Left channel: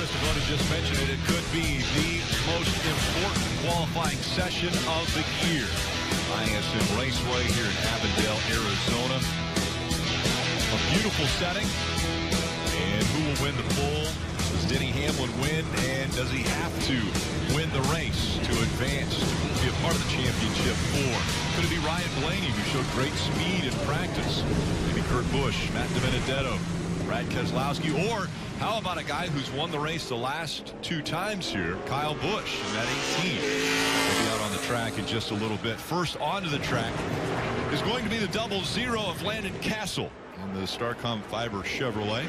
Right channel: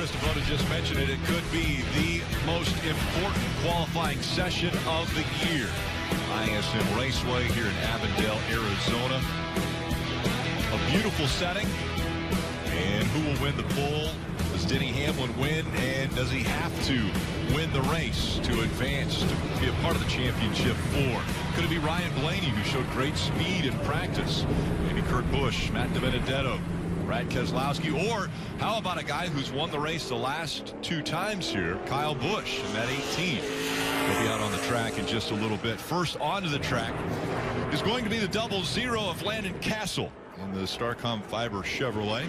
Christopher just mentioned it. It could be the most important qualifying session of the year. ISM Raceway here in Avondale, Arizona. A beautiful setting. And who will win the pole? Does Denny Hamlin win? And does he have to win the race to advance, to be a part of the championship? Or could it be Ryan Blaney, who showed great speed in practice? Maybe Kurt Busch, Matt DiBenedetto, Brad Keselowski, or how about a guy who's won the race the last 2 times here, Kyle Busch in that 18. He'll be out on the track in just a little bit. First onto the track is going to be the 00 of Landon Cassill in the Starcom Fiber Chevrolet.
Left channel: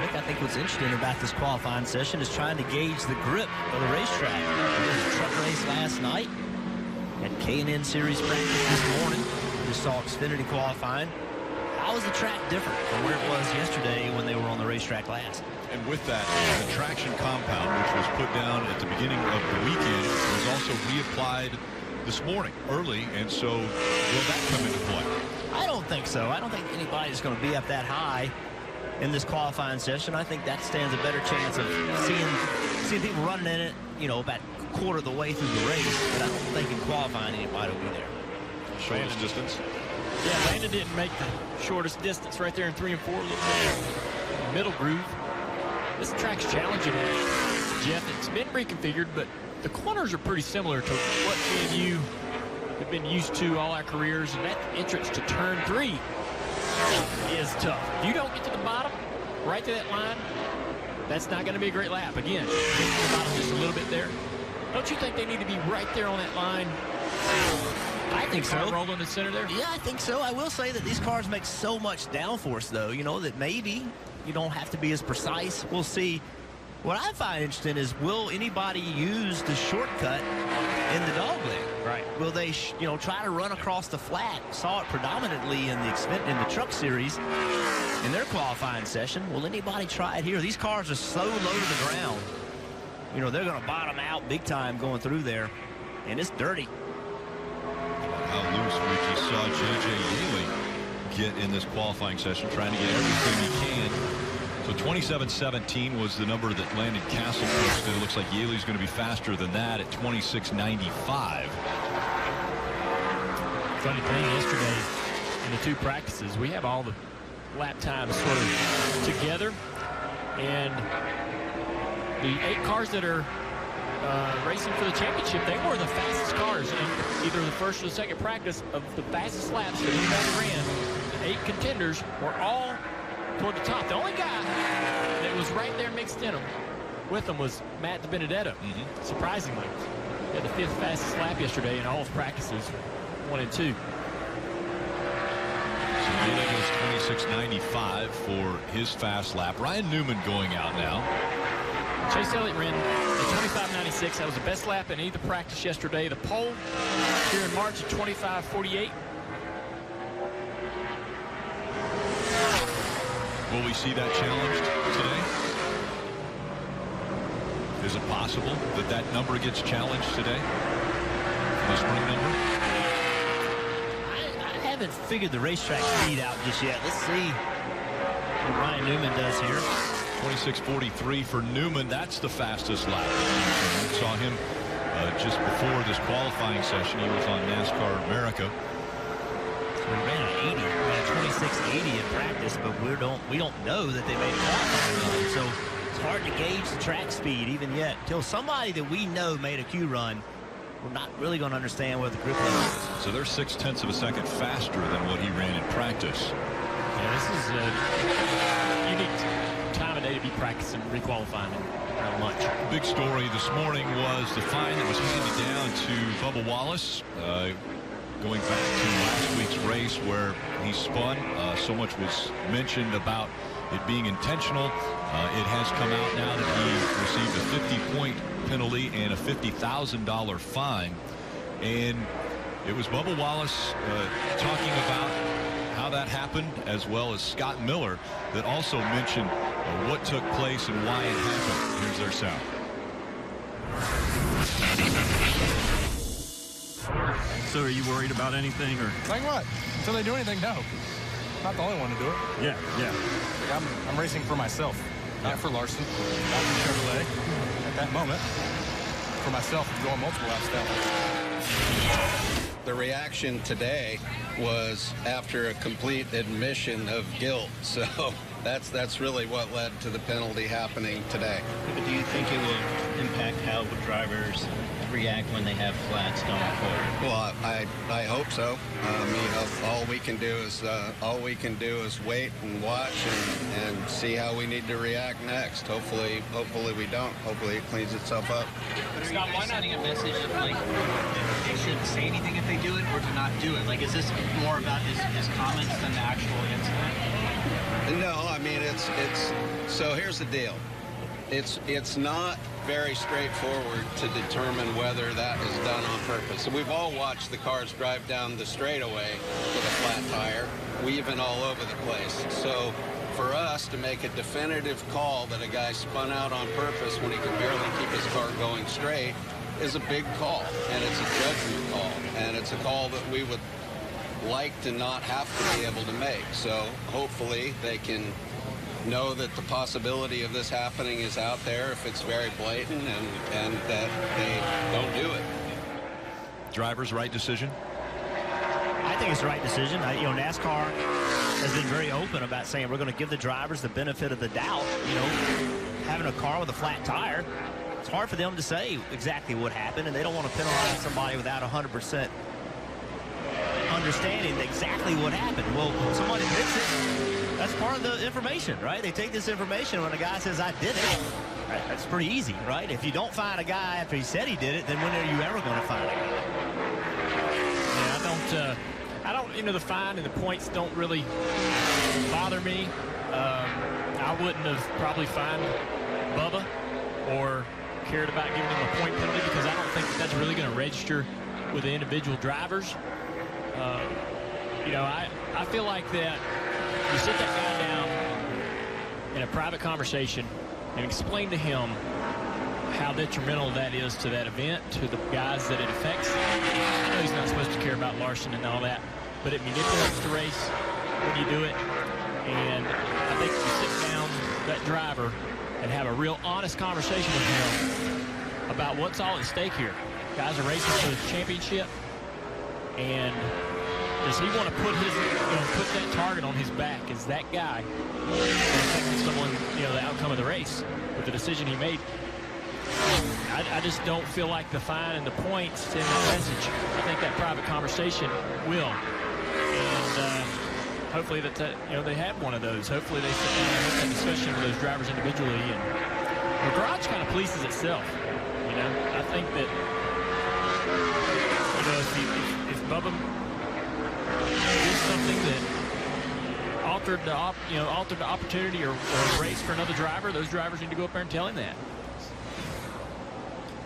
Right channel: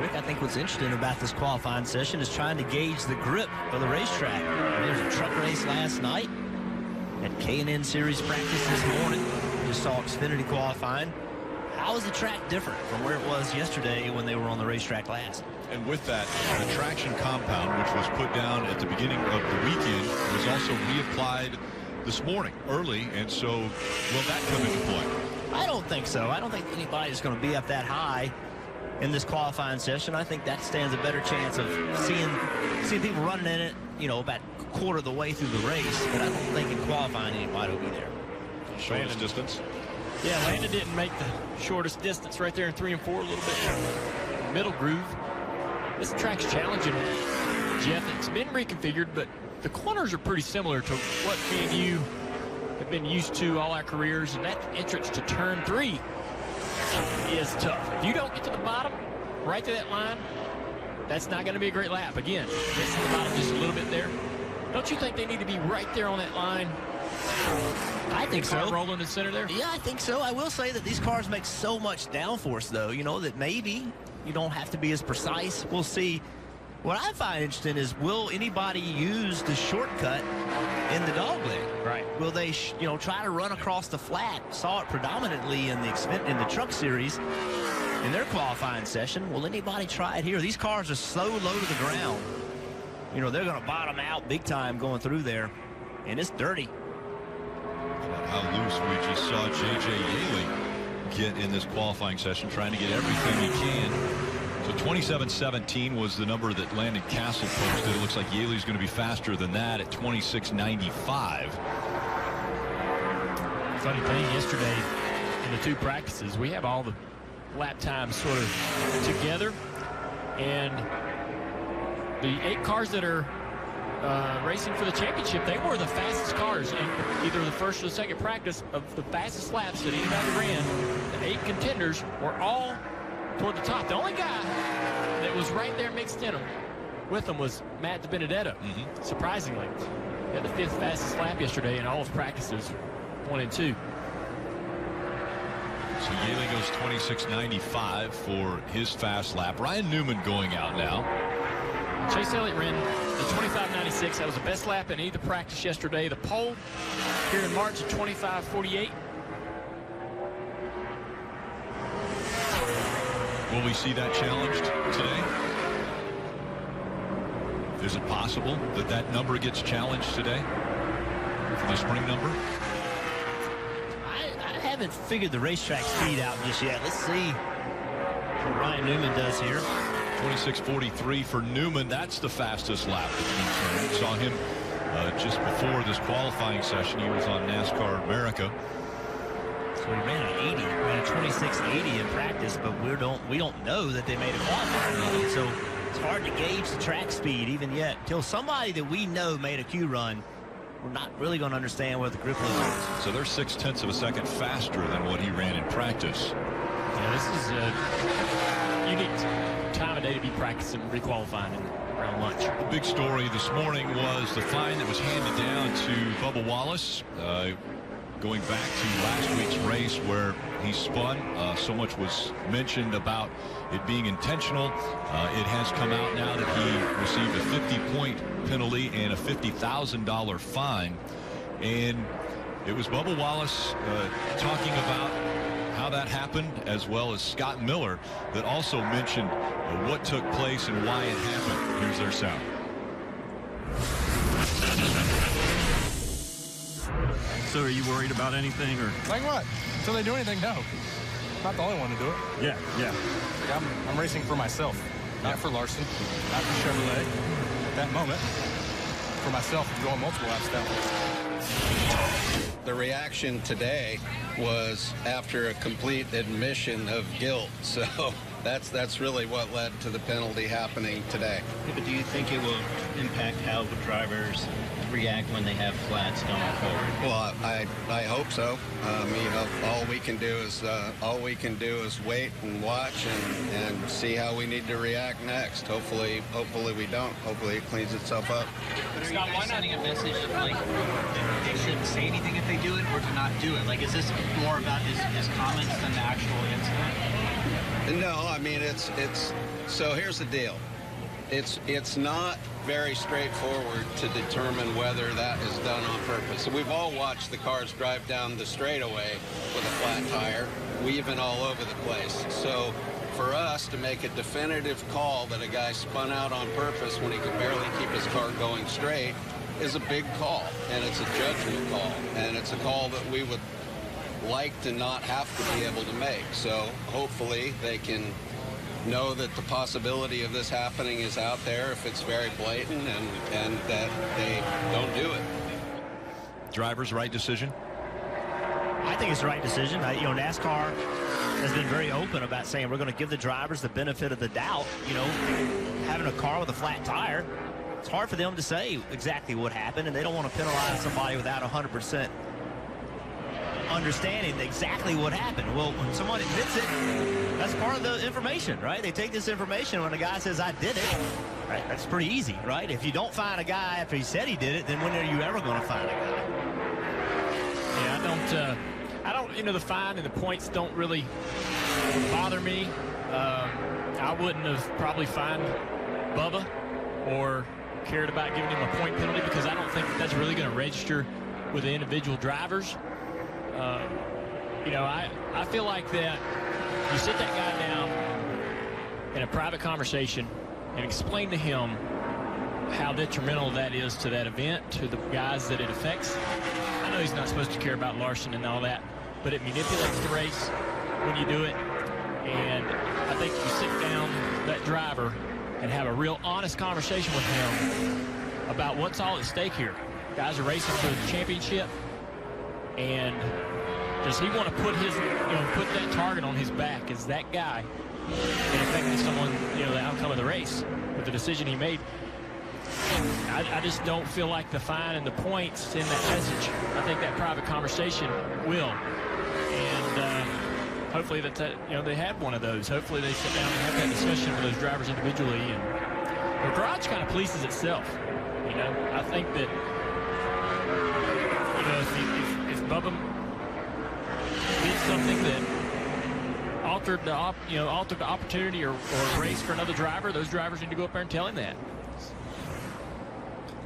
Rick, I think what's interesting about this qualifying session is trying to gauge the grip of the racetrack. There was a truck race last night at K&N Series practice this morning. We just saw Xfinity qualifying. How is the track different from where it was yesterday when they were on the racetrack last? And with that, the traction compound, which was put down at the beginning of the weekend, was also reapplied this morning early. And so will that come into play? I don't think so. I don't think anybody's going to be up that high in this qualifying session. I think that stands a better chance of seeing people running in it, you know, about a quarter of the way through the race. But I don't think in qualifying anybody will be there. Shortest distance. Yeah, Landon didn't make the shortest distance right there in 3 and 4, a little bit middle groove. This track's challenging, Jeff. It's been reconfigured, but the corners are pretty similar to what me and you have been used to all our careers, and that entrance to turn 3 is tough. If you don't get to the bottom, right to that line, that's not going to be a great lap. Again, missing the bottom just a little bit there. Don't you think they need to be right there on that line? I think so. Rolling in the center there? Yeah, I think so. I will say that these cars make so much downforce, though, you know, that maybe you don't have to be as precise. We'll see. What I find interesting is, will anybody use the shortcut in the dogleg? Right. Will they, try to run across the flat? Saw it predominantly in the Truck Series in their qualifying session. Will anybody try it here? These cars are so low to the ground. You know, they're going to bottom out big time going through there, and it's dirty. How loose we just saw J.J. Yeley get in this qualifying session, trying to get everything he can. So 27:17 was the number that Landon Cassill posted. It looks like Yaley's going to be faster than that at 26:95. Funny thing, yesterday in the 2 practices, we have all the lap times sort of together, and the 8 cars that are racing for the championship, they were the fastest cars in either the first or the second practice of the fastest laps that anybody ran. The 8 contenders were all toward the top. The only guy that was right there mixed in them with them was Matt DiBenedetto. Surprisingly, he had the 5th fastest lap yesterday in all his practices, 1 and 2. So Yeley goes 26:95 for his fast lap. Ryan Newman going out now. Chase Elliott ran at 25:96. That was the best lap in either practice yesterday. The pole here in March at 25:48. Will we see that challenged today? Is it possible that that number gets challenged today? For the spring number? I haven't figured the racetrack speed out just yet. Let's see what Ryan Newman does here. 26:43 for Newman. That's the fastest lap that's concerned. Saw him just before this qualifying session. He was on NASCAR America. So he ran an 80, ran a 26:80 in practice, but we don't know that they made a qualifying run. So it's hard to gauge the track speed even yet. Until somebody that we know made a Q run, we're not really going to understand what the grip level is. So they're 0.6 of a second faster than what he ran in practice. Yeah, this is a unique time of day to be practicing requalifying around lunch. The big story this morning was the fine that was handed down to Bubba Wallace. Going back to last week's race where he spun, so much was mentioned about it being intentional. It has come out now that he received a 50-point penalty and a $50,000 fine. And it was Bubba Wallace talking about how that happened, as well as Scott Miller, that also mentioned what took place and why it happened. Here's their sound. So are you worried about anything? Or like what? Until they do anything, no. not the only one to do it. Yeah. Like I'm racing for myself, not for Larson, not for Chevrolet. At that moment, for myself, going multiple laps down. The reaction today was after a complete admission of guilt. So that's really what led to the penalty happening today. But do you think it will impact how drivers react when they have flats going forward? Well, I hope so. All we can do is wait and watch and see how we need to react next. Hopefully we don't. Hopefully it cleans itself up. But are you guys sending a message of like they shouldn't say anything if they do it, or to not do it? Like, is this more about his comments than the actual incident? No, I mean it's. So here's the deal. It's not very straightforward to determine whether that is done on purpose. So we've all watched the cars drive down the straightaway with a flat tire, weaving all over the place. So for us to make a definitive call that a guy spun out on purpose when he could barely keep his car going straight is a big call, and it's a judgment call, and it's a call that we would like to not have to be able to make. So hopefully they can know that the possibility of this happening is out there if it's very blatant, and that they don't do it. Driver's right decision? I think it's the right decision. NASCAR has been very open about saying we're going to give the drivers the benefit of the doubt. Having a car with a flat tire, it's hard for them to say exactly what happened, and they don't want to penalize somebody without 100% understanding exactly what happened. Well, when someone admits it, that's part of the information, right? They take this information when a guy says, I did it. Right? That's pretty easy, right? If you don't find a guy after he said he did it, then when are you ever going to find a guy? Yeah, I don't, the fine and the points don't really bother me. I wouldn't have probably fined Bubba or cared about giving him a point penalty, because I don't think that's really going to register with the individual drivers. I feel like that you sit that guy down in a private conversation and explain to him how detrimental that is to that event, to the guys that it affects. I know he's not supposed to care about Larson and all that, but it manipulates the race when you do it. And I think if you sit down that driver and have a real honest conversation with him about what's all at stake here. Guys are racing for the championship, and does he want to put that target on his back? Is that guy that affected someone, the outcome of the race with the decision he made? I just don't feel like the fine and the points send that message. I think that private conversation will, and hopefully that they had one of those. Hopefully they sit down and have that discussion with those drivers individually, and the garage kind of polices itself. I think that if Bubba did something that altered the opportunity or race for another driver, those drivers need to go up there and tell him that.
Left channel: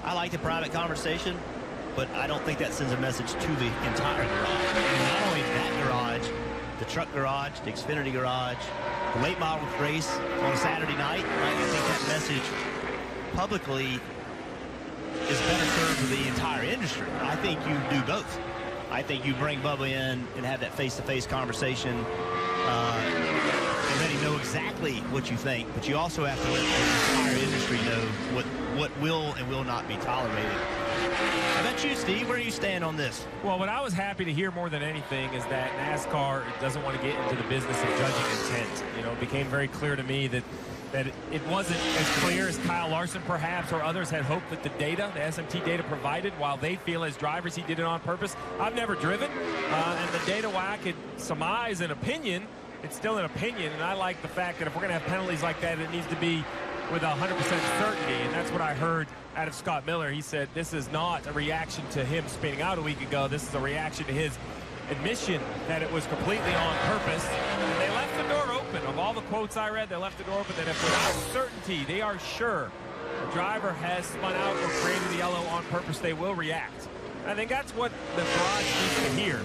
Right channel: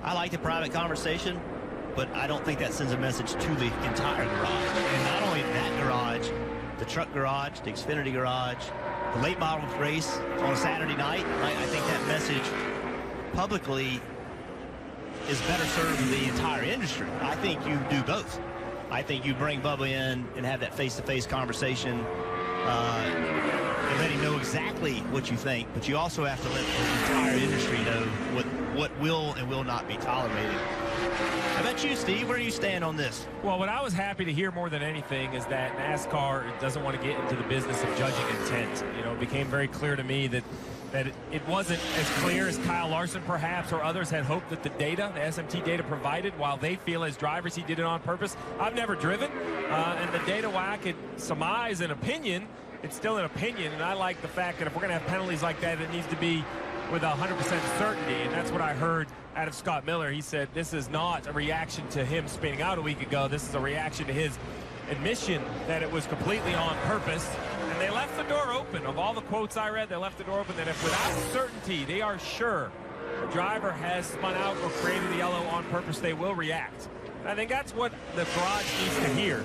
I like the private conversation, but I don't think that sends a message to the entire garage. And not only that garage, the truck garage, the Xfinity garage, the late model race on a Saturday night, right? I think that message publicly is better served for the entire industry. I think you do both. I think you bring Bubba in and have that face-to-face conversation and let him know exactly what you think, but you also have to let the entire industry know what will and will not be tolerated. How about you, Steve? Where do you stand on this? Well, what I was happy to hear more than anything is that NASCAR doesn't want to get into the business of judging intent. It became very clear to me that it wasn't as clear as Kyle Larson perhaps or others had hoped that the SMT data provided, while they feel as drivers he did it on purpose. I've never driven, and the data, while I could surmise an opinion, it's still an opinion, and I like the fact that if we're going to have penalties like that, it needs to be with 100% certainty, and that's what I heard out of Scott Miller. He said this is not a reaction to him spinning out a week ago. This is a reaction to his admission that it was completely on purpose, and they left the door open. Of all the quotes I read, they left the door open that if without certainty they are sure a driver has spun out or created the yellow on purpose, they will react. And I think that's what the garage needs to hear.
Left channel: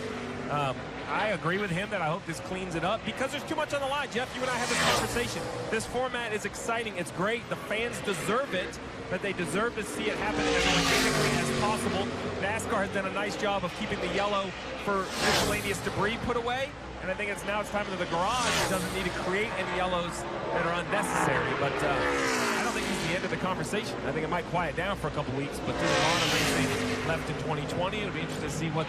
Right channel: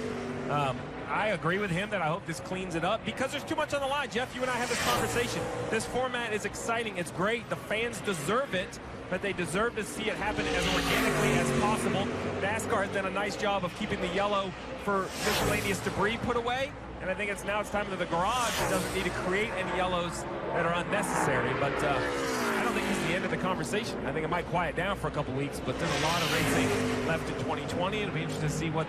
I agree with him that I hope this cleans it up, because there's too much on the line. Jeff, you and I have this conversation. This format is exciting. It's great. The fans deserve it, but they deserve to see it happen as organically as possible. NASCAR has done a nice job of keeping the yellow for miscellaneous debris put away. And I think it's time that the garage doesn't need to create any yellows that are unnecessary. But I don't think it's the end of the conversation. I think it might quiet down for a couple weeks, but there's a lot of racing left in 2020. It'll be interesting to see what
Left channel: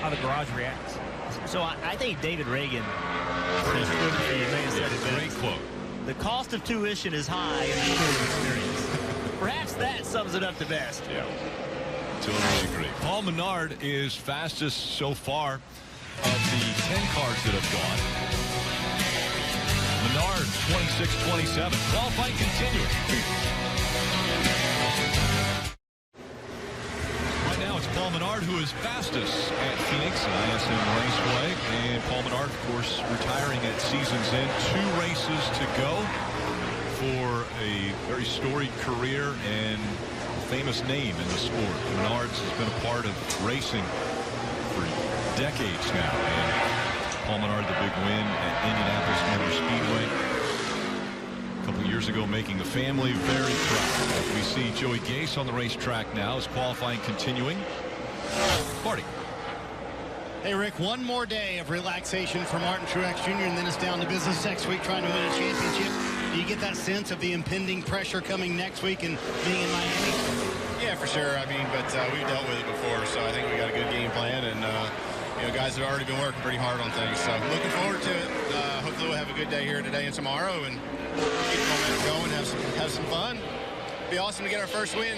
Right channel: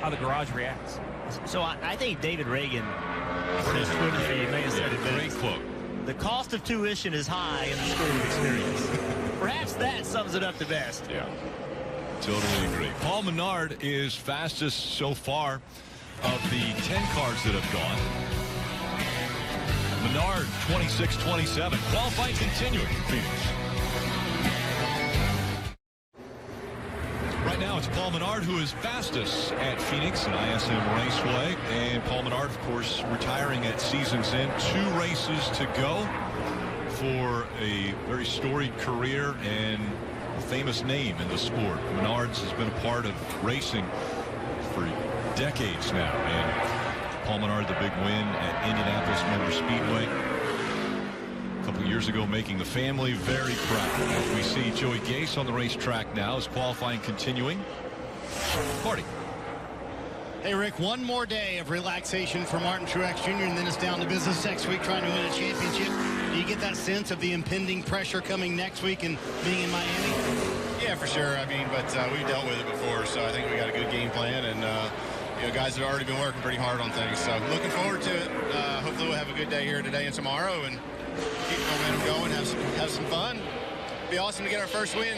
how the garage reacts. So I think David Reagan may have said it best. Great quote. The cost of tuition is high in the school of experience. Perhaps that sums it up the best. Yeah, totally agree. Paul Menard is fastest so far of the 10 cars that have gone. Menard 26-27. Qualifying continuing. Phoenix. Right now it's Paul Menard who is fastest at Phoenix and ISM Raceway. And Paul Menard, of course, retiring at season's end. 2 races to go for a very storied career and a famous name in the sport. Menard's has been a part of racing for decades now. And Paul Menard, the big win at Indianapolis Motor Speedway a couple years ago, making the family very proud. As we see Joey Gase on the racetrack now as qualifying continuing. Marty. Hey, Rick, one more day of relaxation for Martin Truex Jr., and then it's down to business next week trying to win a championship. Do you get that sense of the impending pressure coming next week and being in Miami? Yeah, for sure. I mean, but we've dealt with it before, so I think we got a good game plan, and you know, guys have already been working pretty hard on things. So looking forward to it. Hopefully we'll have a good day here today and tomorrow, and keep the momentum going, have some fun. Be awesome to get our first win,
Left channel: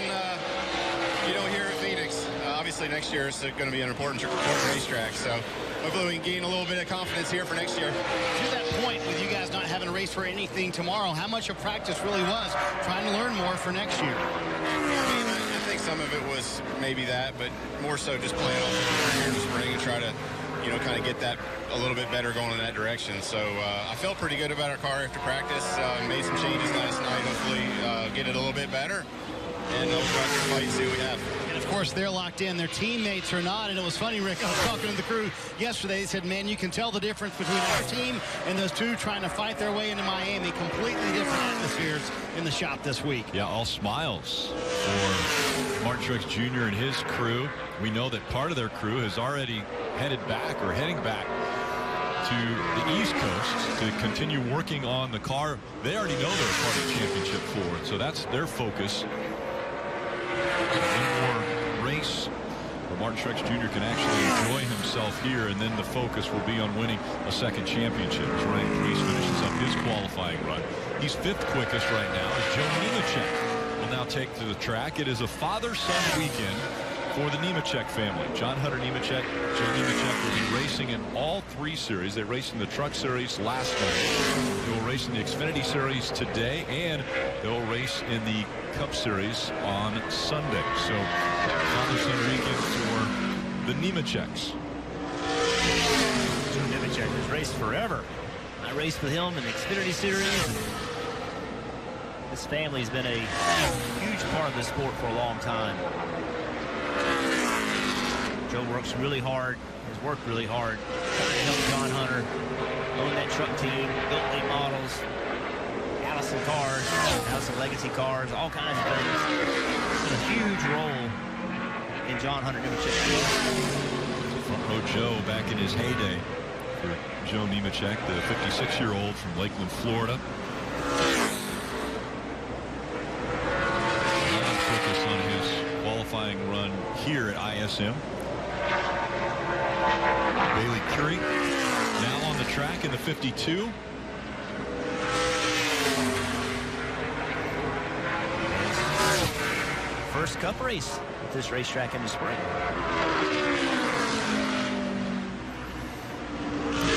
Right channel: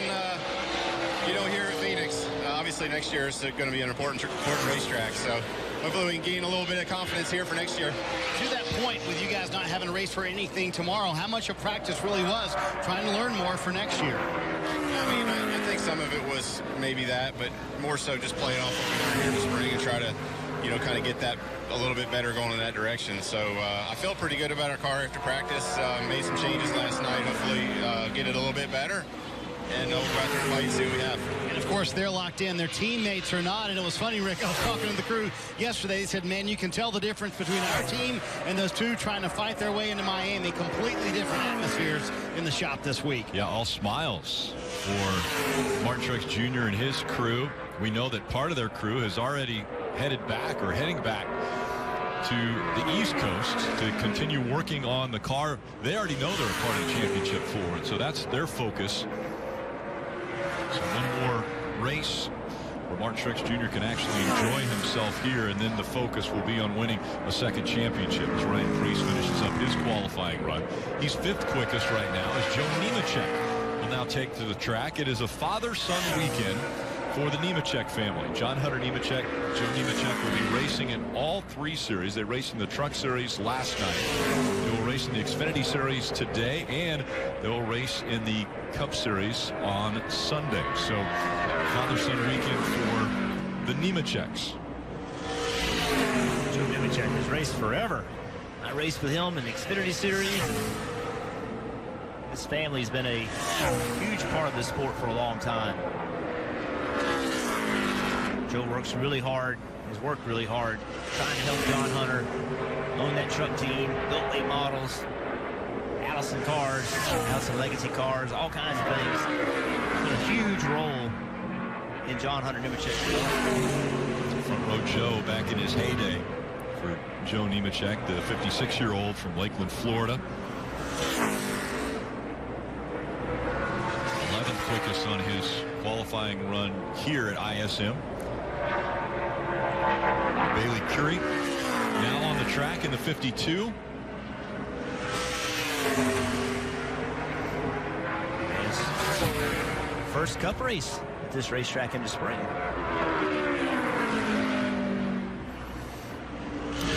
you know, here at Phoenix. Obviously next year is going to be an important racetrack, so hopefully we can gain a little bit of confidence here for next year. To that point, with you guys not having a race for anything tomorrow, how much of practice really was trying to learn more for next year? I mean, I think some of it was maybe that, but more so just playing off what we learned here in the spring and try to, you know, kind of get that a little bit better going in that direction. So I felt pretty good about our car after practice. Made some changes last night. Hopefully get it a little bit better. And we'll go out there and fight and see what we have. And, of course, they're locked in. Their teammates are not. And it was funny, Rick, I was talking to the crew yesterday. They said, man, you can tell the difference between our team and those two trying to fight their way into Miami. Completely different atmospheres in the shop this week. Yeah, all smiles for Martin Truex Jr. and his crew. We know that part of their crew has already headed back or heading back to the East Coast to continue working on the car. They already know they're a part of the championship for it, so that's their focus. So one more race where Martin Truex Jr. can actually enjoy himself here, and then the focus will be on winning a second championship as Ryan Preece finishes up his qualifying run. He's 5th quickest right now as Joe Nemechek will now take to the track. It is a father-son weekend for the Nemechek family. John Hunter Nemechek, Joe Nemechek will be racing in all 3 series. They raced in the Truck Series last night. They will race in the Xfinity Series today, and they will race in the Cup Series on Sunday. So father-son weekend for the Nemecheks. Joe Nemechek has raced forever. I raced with him in the Xfinity Series, and his family's been a huge part of this sport for a long time. Joe works really hard, has worked really hard, trying to help John Hunter own that truck team, built late models, Allison cars, Allison Legacy cars, all kinds of things. It's been a huge role in John Hunter Nemechek's development. Front row Joe back in his heyday for Joe Nemechek, the 56-year-old from Lakeland, Florida. 11th quickest on his qualifying run here at ISM. Bailey Currie now on the track in the 52. And his first Cup race at this racetrack in the spring.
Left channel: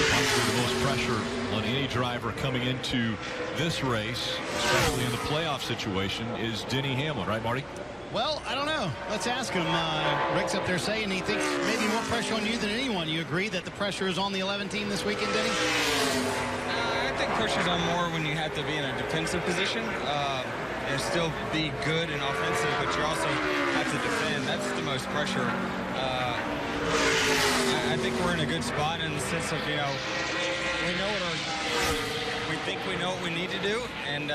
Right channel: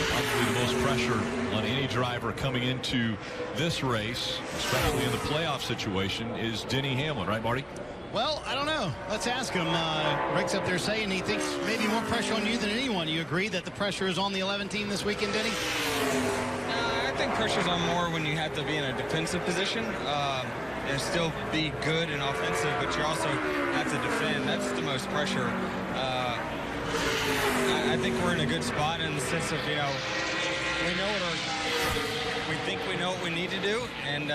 Probably the most pressure on any driver coming into this race, especially in the playoff situation, is Denny Hamlin, right, Marty? Well, I don't know. Let's ask him. Rick's up there saying he thinks maybe more pressure on you than anyone. You agree that the pressure is on the 11 team this weekend, Denny? I think pressure's on more when you have to be in a defensive position and still be good and offensive, but you also have to defend. That's the most pressure. I think we're in a good spot in the sense of, you know, we think we know what we need to do, and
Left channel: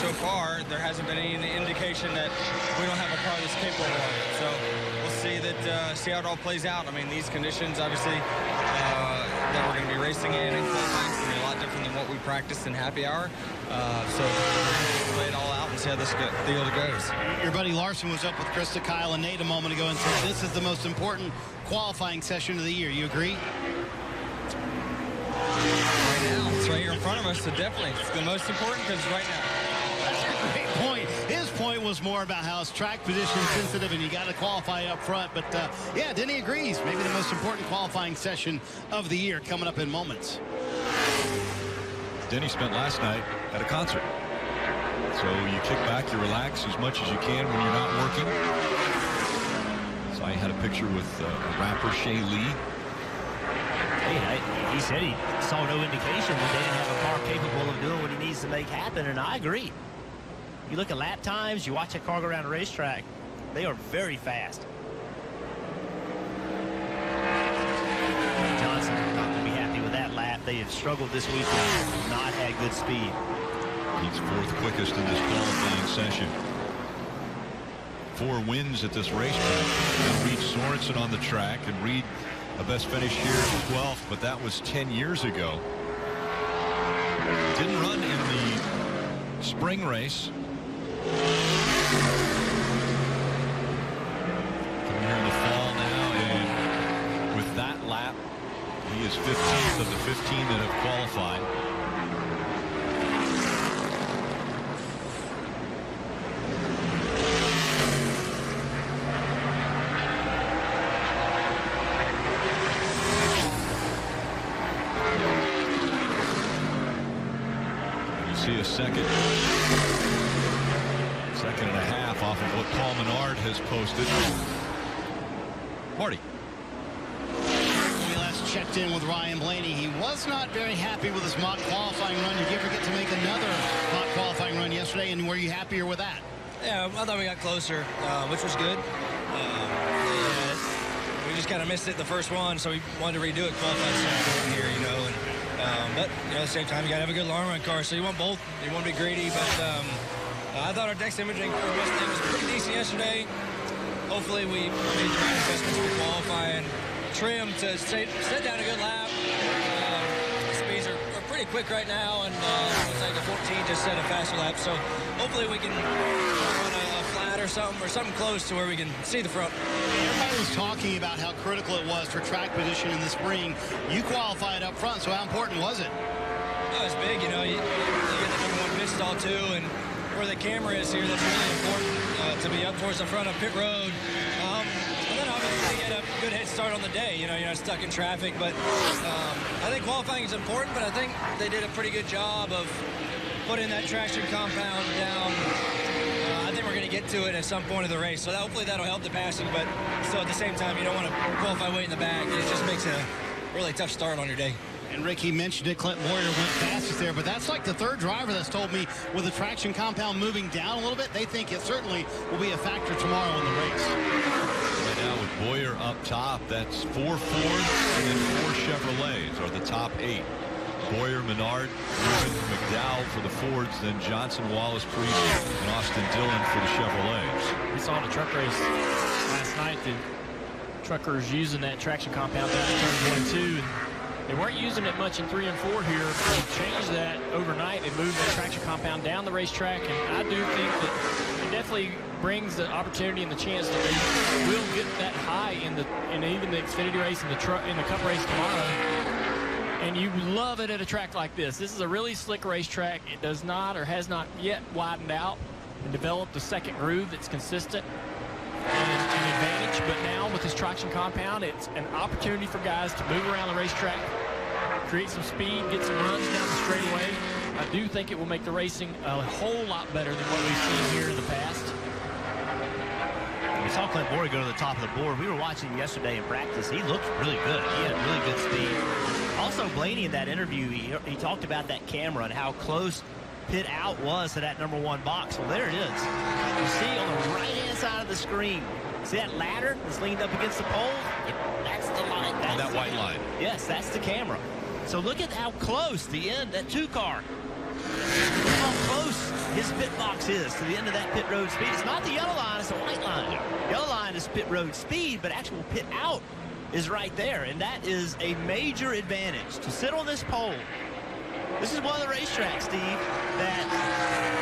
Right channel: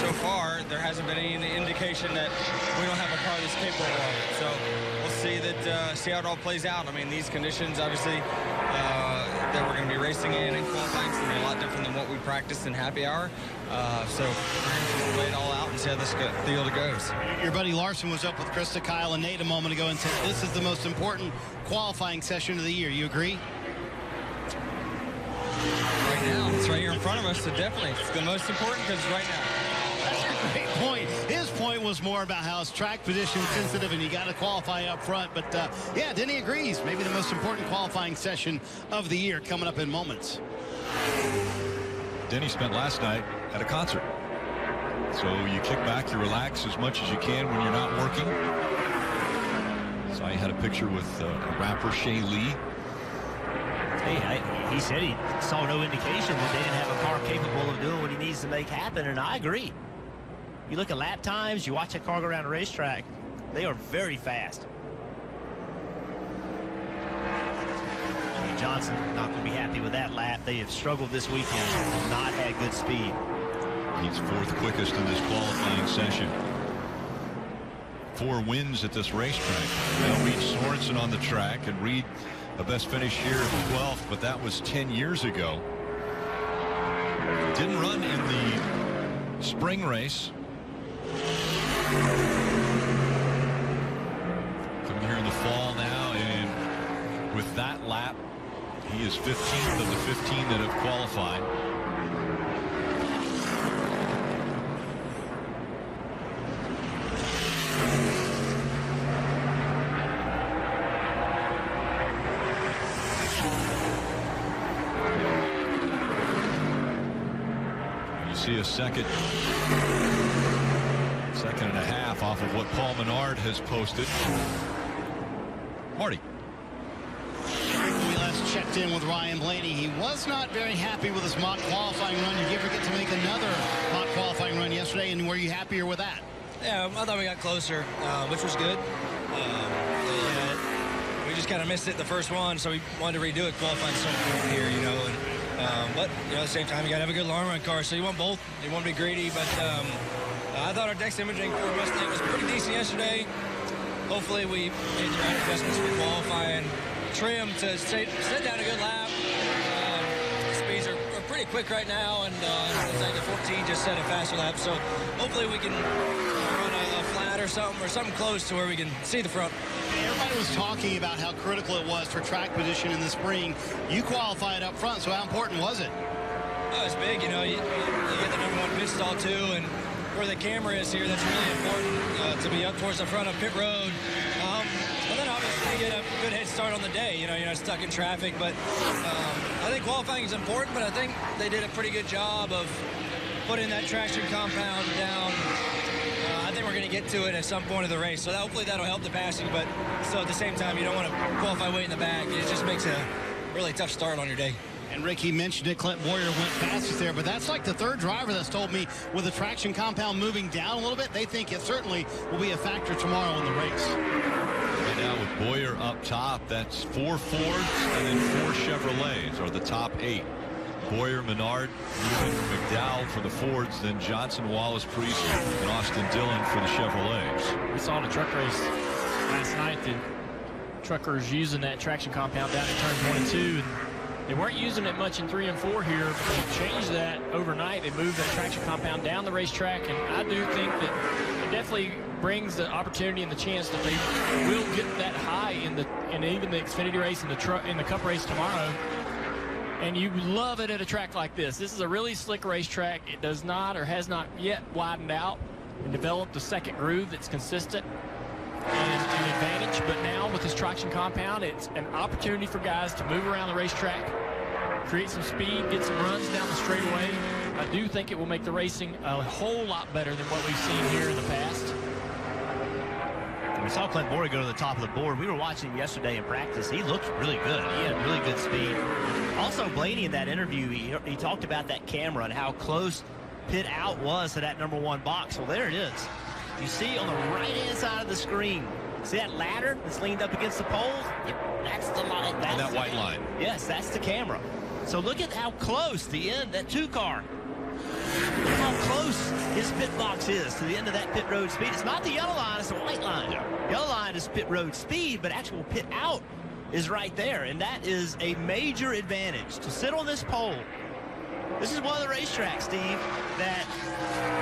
so far there hasn't been any indication that we don't have a car that's capable of it. So we'll see how it all plays out. I mean, these conditions, obviously, that we're going to be racing in and qualifying is going to be a lot different than what we practiced in happy hour. So we're going to just play it all out and see how this field goes. Your buddy Larson was up with Krista, Kyle, and Nate a moment ago and said this is the most important qualifying session of the year. You agree? Right now, it's right here in front of us, so definitely it's the most important because right now. That's a great point. His point was more about how it's track position sensitive and you got to qualify up front. But yeah, Denny agrees. Maybe the most important qualifying session of the year coming up in moments. Denny spent last night at a concert. So you kick back, you relax as much as you can when you're not working. So I had a picture with a rapper, Shay Lee. Hey, he said he saw no indication that they didn't have a car capable of doing what he needs to make happen, and I agree. You look at lap times, you watch a car go around a racetrack, they are very fast. Johnson not going to be happy with that lap. They have struggled this weekend, not had good speed. He's fourth quickest in this qualifying session. 4 wins at this racetrack. Now Reed Sorensen on the track, and Reed a best finish here of 12th, but that was 10 years ago. Didn't run in the spring race. Coming here in the fall now, and with that lap, he is 15th of the 15 that have qualified. See a second and a half off of what Paul Menard has posted. Marty. When we last checked in with Ryan Blaney, he was not very happy with his mock qualifying run. Did you ever get to make another mock qualifying run yesterday, and were you happier with that? Yeah, I thought we got closer, which was good. We just kind of missed it the first one, so we wanted to redo it. Qualifying is so important here, you know. But you know, at the same time, you got to have a good long run car, so you want both. You want to be greedy, but I thought our Dex imaging for Mustang was pretty decent yesterday. Hopefully, we made the right adjustments for qualifying. Trim to set down a good lap. Speeds are pretty quick right now, and looks like the 14 just set a faster lap. So hopefully, we can run a flat or something close to where we can see the front. Everybody was talking about how critical it was for track position in the spring. You qualified up front, so how important was it? Oh, it's big, you know. You get the #1 pit stall, too, and where the camera is here, that's really important to be up towards the front of pit road. And then, obviously, you get a good head start on the day. You know, you're not stuck in traffic. But I think qualifying is important, but I think they did a pretty good job of putting that traction compound down. I think we're going to get to it at some point of the race, so hopefully that'll help the passing, but still at the same time, you don't want to qualify way in the back. It just makes a really tough start on your day. And Ricky mentioned it, Clint Boyer went fastest there, but that's like the third driver that's told me with the traction compound moving down a little bit, they think it certainly will be a factor tomorrow in the race. Right now with Boyer up top, that's 4 Fords and then 4 Chevrolets are the top 8. Boyer, Menard, Newman, McDowell for the Fords, then Johnson, Wallace, Priest, and Austin Dillon for the Chevrolets. We saw in the truck race last night the truckers using that traction compound down in turns 1 and 2, and they weren't using it much in 3 and 4 here, but they changed that overnight. They moved that traction compound down the racetrack, and I do think that it definitely brings the opportunity and the chance that they will get that high in even the Xfinity race and the Cup race tomorrow. And you love it at a track like this. This is a really slick racetrack. It does not or has not yet widened out and developed a second groove that's consistent and an advantage. But now with this traction compound, it's an opportunity for guys to move around the racetrack, create some speed, get some runs down the straightaway. I do think it will make the racing a whole lot better than what we've seen here in the past. We saw Clint Boyer go to the top of the board. We were watching him yesterday in practice. He looked really good. He had really good speed. Also, Blaney in that interview, he talked about that camera and how close pit out was to that #1 box. Well, there it is. You see on the right-hand side of the screen, see that ladder that's leaned up against the pole? Yep. That's the line. And that white line. Yes, that's the camera. So look at how close the end, that 2 car. Look how close his pit box is to the end of that pit road speed. It's not the yellow line, it's the white line. Yeah. Yellow line is pit road speed, but actual pit out is right there, and that is a major advantage. To sit on this pole, this is one of the racetracks, Steve, that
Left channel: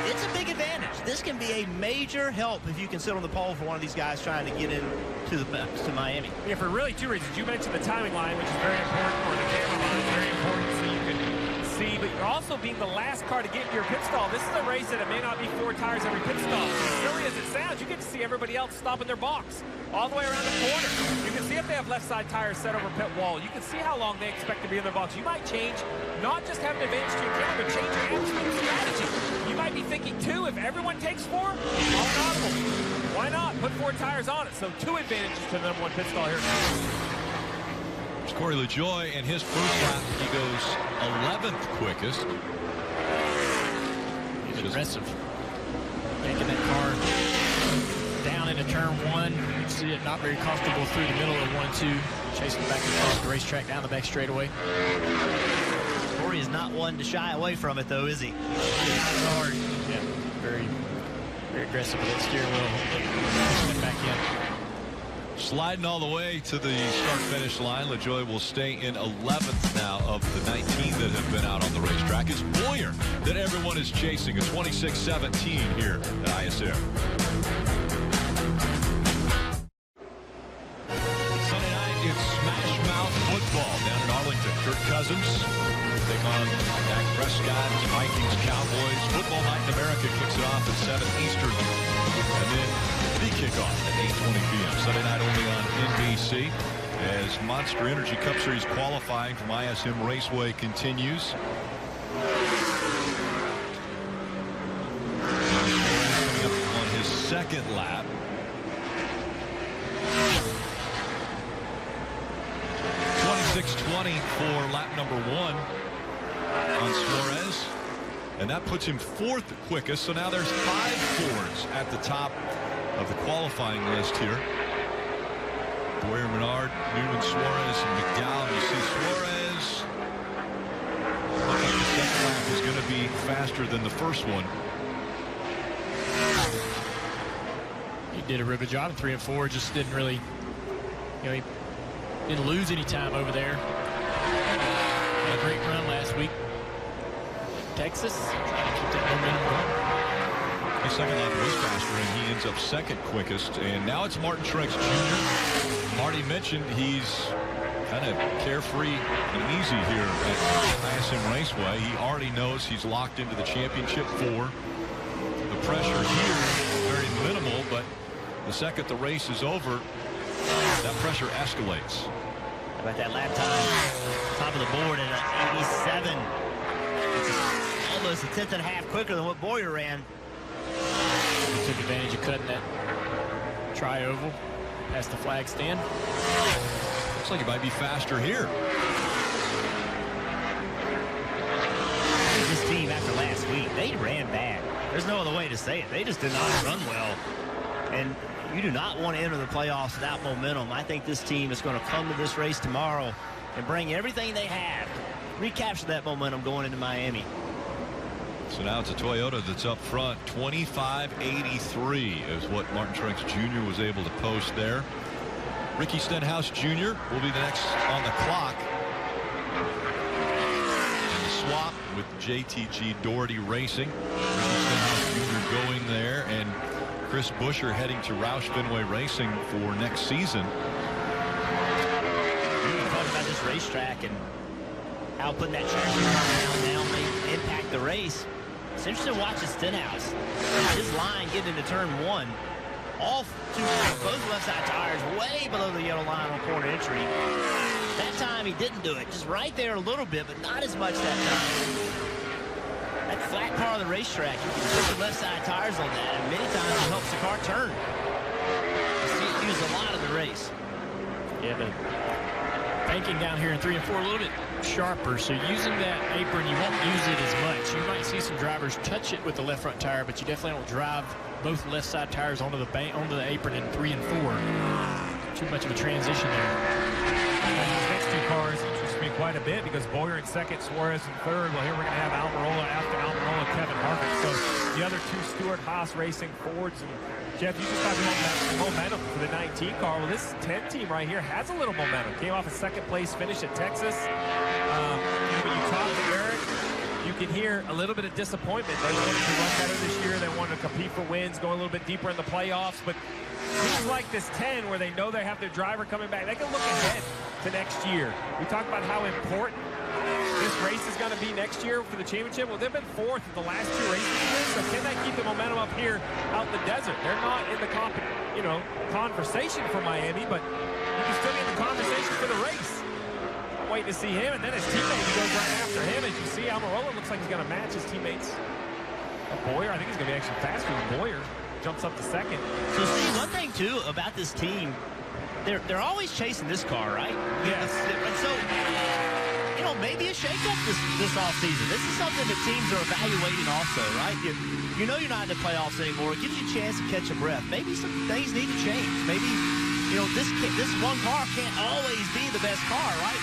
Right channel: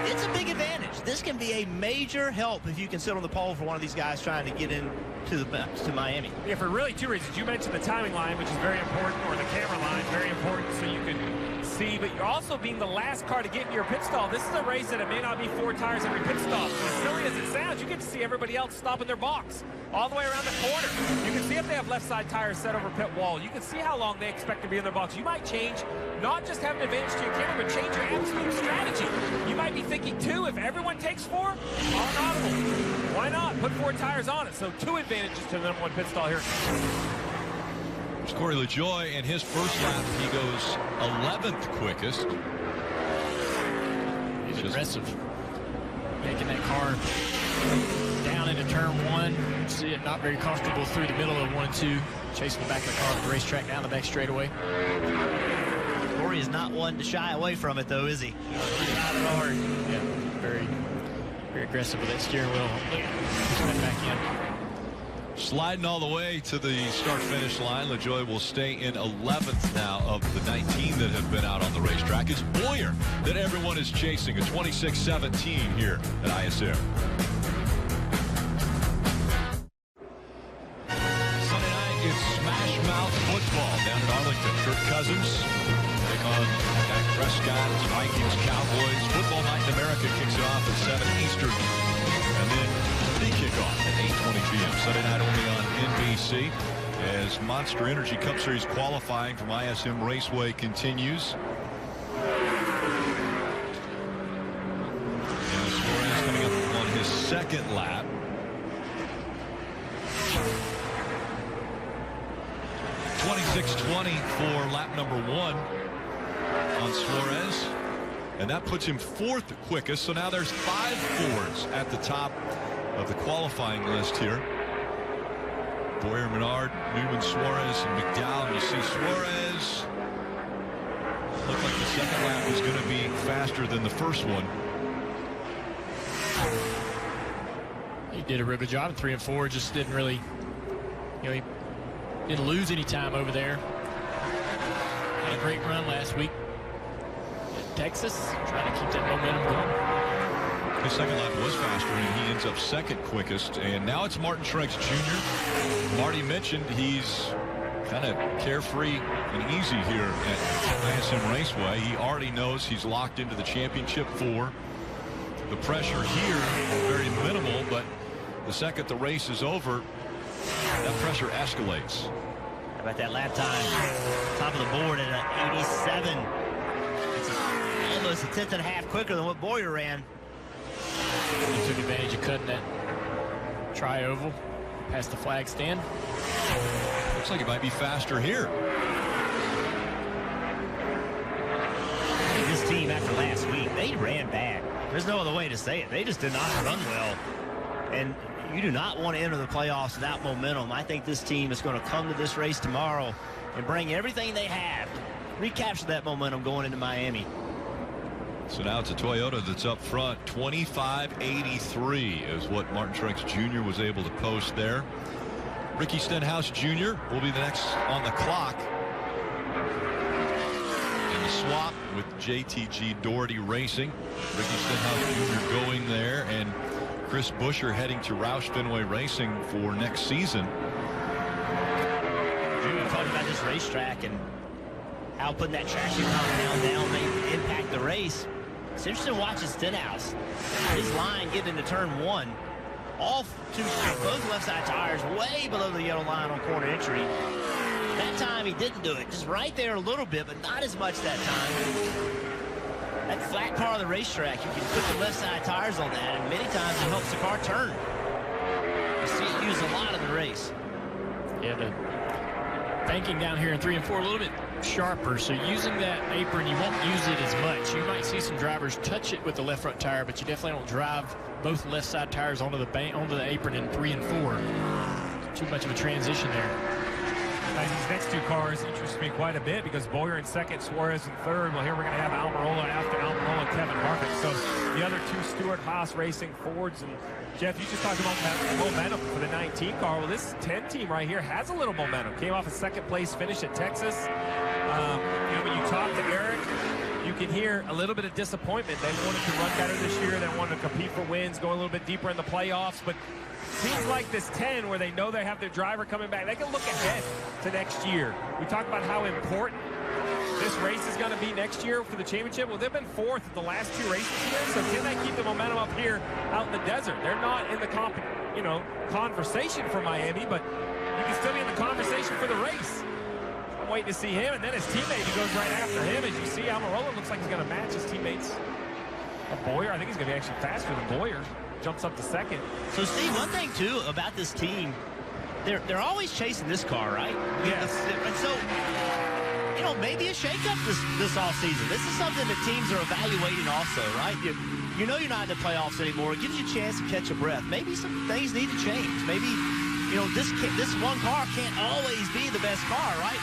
it's a big advantage. This can be a major help if you can sit on the pole for one of these guys trying to get in to Miami. Yeah, for really two reasons. You mentioned the timing line, which is very important, or the camera line, very important, so you can see, but you're also being the last car to get into your pit stall. This is a race that it may not be 4 tires every pit stop. As silly as it sounds, you get to see everybody else stop in their box all the way around the corner. You can see if they have left side tires set over pit wall. You can see how long they expect to be in their box. You might change, not just have an advantage to your camera, but change your absolute strategy. You might be thinking 2. If everyone takes 4, all an audible. Why not? Put 4 tires on it. So 2 advantages to the number 1 pit stall here at Phoenix. It's Corey LaJoie, and his first lap, he goes 11th quickest. He's aggressive. Yanking that car down into turn 1. You can see it not very comfortable through the middle of 1 and 2. Chasing the back of the car off the racetrack down the back straightaway. Corey is not one to shy away from it, though, is he? He's driving hard. Yeah, very, very aggressive with that steering wheel. Look at pushing that back in. Sliding all the way to the start-finish line. LaJoie will stay in 11th now of the 19 that have been out on the racetrack. It's Boyer that everyone is chasing, a 26-17 here at ISM. Sunday night, it's Smash Mouth football down in Arlington. Kirk Cousins take on Dak Prescott, Vikings, Cowboys. Football Night in America kicks it off at 7 Eastern. And then the kickoff at 8:20 p.m. Sunday night only on NBC as Monster Energy Cup Series qualifying from ISM Raceway continues. And Suarez coming up on his second lap. .26.20 for lap number 1 on Suarez. And that puts him 4th quickest. So now there's 5 Fords at the top of the qualifying list here. Boyer, Menard, Newman, Suarez, and McDowell. You see Suarez look like the second lap is going to be faster than the first one. He did a real good job in 3 and 4. Just didn't really, he didn't lose any time over there. Had a great run last week in Texas, trying to keep that momentum going. His second lap was faster, and he ends up 2nd quickest. And now it's Martin Truex Jr. Marty mentioned he's kind of carefree and easy here at ISM Raceway. He already knows he's locked into the championship 4. The pressure here, very minimal, but the second the race is over, that pressure escalates. How about that lap time? Top of the board at an 87. It's almost a 10th and a half quicker than what Boyer ran. He took advantage of cutting that tri-oval past the flag stand. Looks like it might be faster here. I think this team, after last week, they ran bad. There's no other way to say it. They just did not run well. And you do not want to enter the playoffs without momentum. I think this team is going to come to this race tomorrow and bring everything they have to recapture that momentum going into Miami. So now it's a Toyota that's up front. 25.83 is what Martin Truex Jr. was able to post there. Ricky Stenhouse Jr. will be the next on the clock. And the swap with JTG Doherty Racing. Ricky Stenhouse Jr. going there, and Chris Buescher heading to Roush Fenway Racing for next season. We were talking about this racetrack and how putting that traction compound down may impact the race. It's interesting watching Stenhouse. His line getting into turn 1. Both left side tires way below the yellow line on corner entry. That time he didn't do it. Just right there a little bit, but not as much that time. That flat part of the racetrack, you can put your left side tires on that, and many times it helps the car turn. You see it used a lot in the race. Yeah, the banking down here in 3 and 4 a little bit sharper, so using that apron, you won't use it as much. You might see some drivers touch it with the left front tire, but you definitely don't drive both left side tires onto the apron in 3 and 4. Too much of a transition there. These next 2 cars interest me quite a bit because Boyer in 2nd, Suarez in 3rd. Well, here we're going to have Almirola after Almirola, Kevin Harvick. So the other 2 Stewart-Haas Racing Fords, and Jeff, you just talked about momentum for the 19 car. Well, this 10 team right here has a little momentum. Came off a second place finish at Texas. When you talk to Eric, you can hear a little bit of disappointment. They wanted to run better this year. They wanted to compete for wins, go a little bit deeper in the playoffs. But teams like this 10, where they know they have their driver coming back, they can look ahead to next year. We talk about how important this race is going to be next year for the championship. Well, they've been fourth in the last 2 races here, so can they keep the momentum up here out in the desert? They're not in the conversation for Miami, but you can still be in the conversation for the race. I'm waiting to see him, and then his teammate, he goes right after him. As you see, Almirola looks like he's going to match his teammates. Boyer, I think he's going to be actually faster than Boyer. Jumps up to second. So, Steve, one thing, too, about this team, they're always chasing this car, right? Yes. And so, maybe a shakeup this offseason. This is something that teams are evaluating also, right? You know you're not in the playoffs anymore. It gives you a chance to catch a breath. Maybe some things need to change. Maybe, this one car can't always be the best car, right?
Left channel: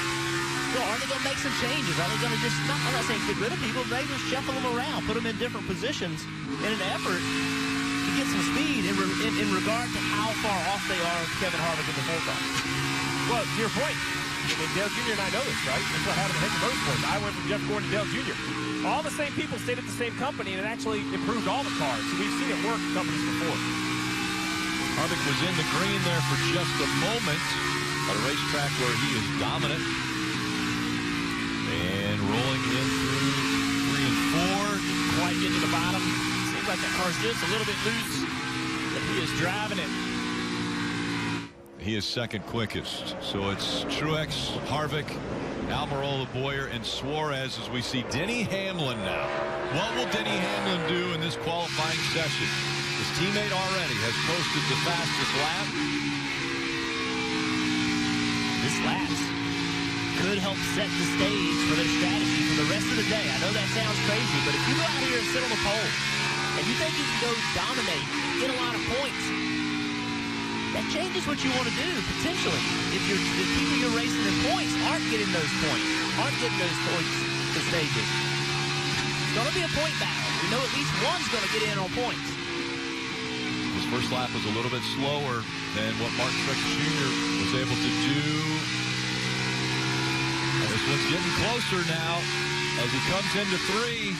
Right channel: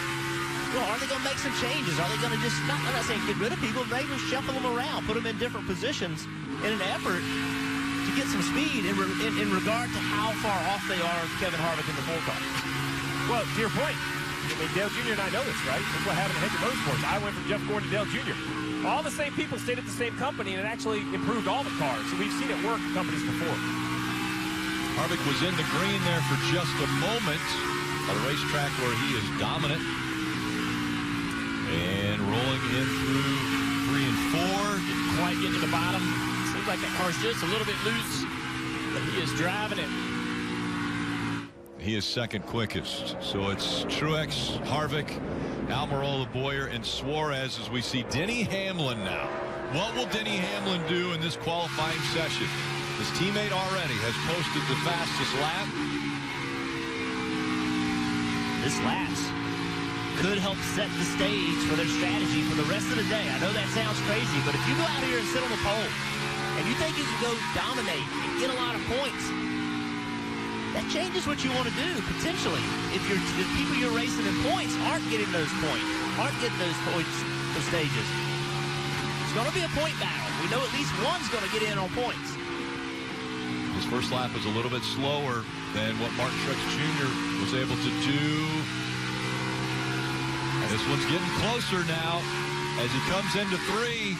Are they going to make some changes? Are they going to just, I'm not saying get rid of people, maybe just shuffle them around, put them in different positions in an effort to get some speed in regard to how far off they are of Kevin Harvick in the 4 car. Well, to your point, Dale Jr. and I know this, right? That's what happened at Hendrick Motorsports. I went from Jeff Gordon to Dale Jr. All the same people stayed at the same company, and it actually improved all the cars. So we've seen it work in companies before. Harvick was in the green there for just a moment at a racetrack where he is dominant. And rolling in through 3 and 4. Didn't quite get to the bottom. Seems like that car's just a little bit loose, but he is driving it. He is second quickest. So it's Truex, Harvick, Almirola, Boyer, and Suarez as we see Denny Hamlin now. What will Denny Hamlin do in this qualifying session? His teammate already has posted the fastest lap. This lap's could help set the stage for their strategy for the rest of the day. I know that sounds crazy, but if you go out here and sit on the pole and you think you can go dominate and get a lot of points, that changes what you want to do, potentially. If people you're racing in points aren't getting those points, aren't getting those points for stages. It's going to be a point battle. We know at least one's going to get in on points. His first lap was a little bit slower than what Martin Truex Jr. was able to do. This one's getting closer now as he comes into 3.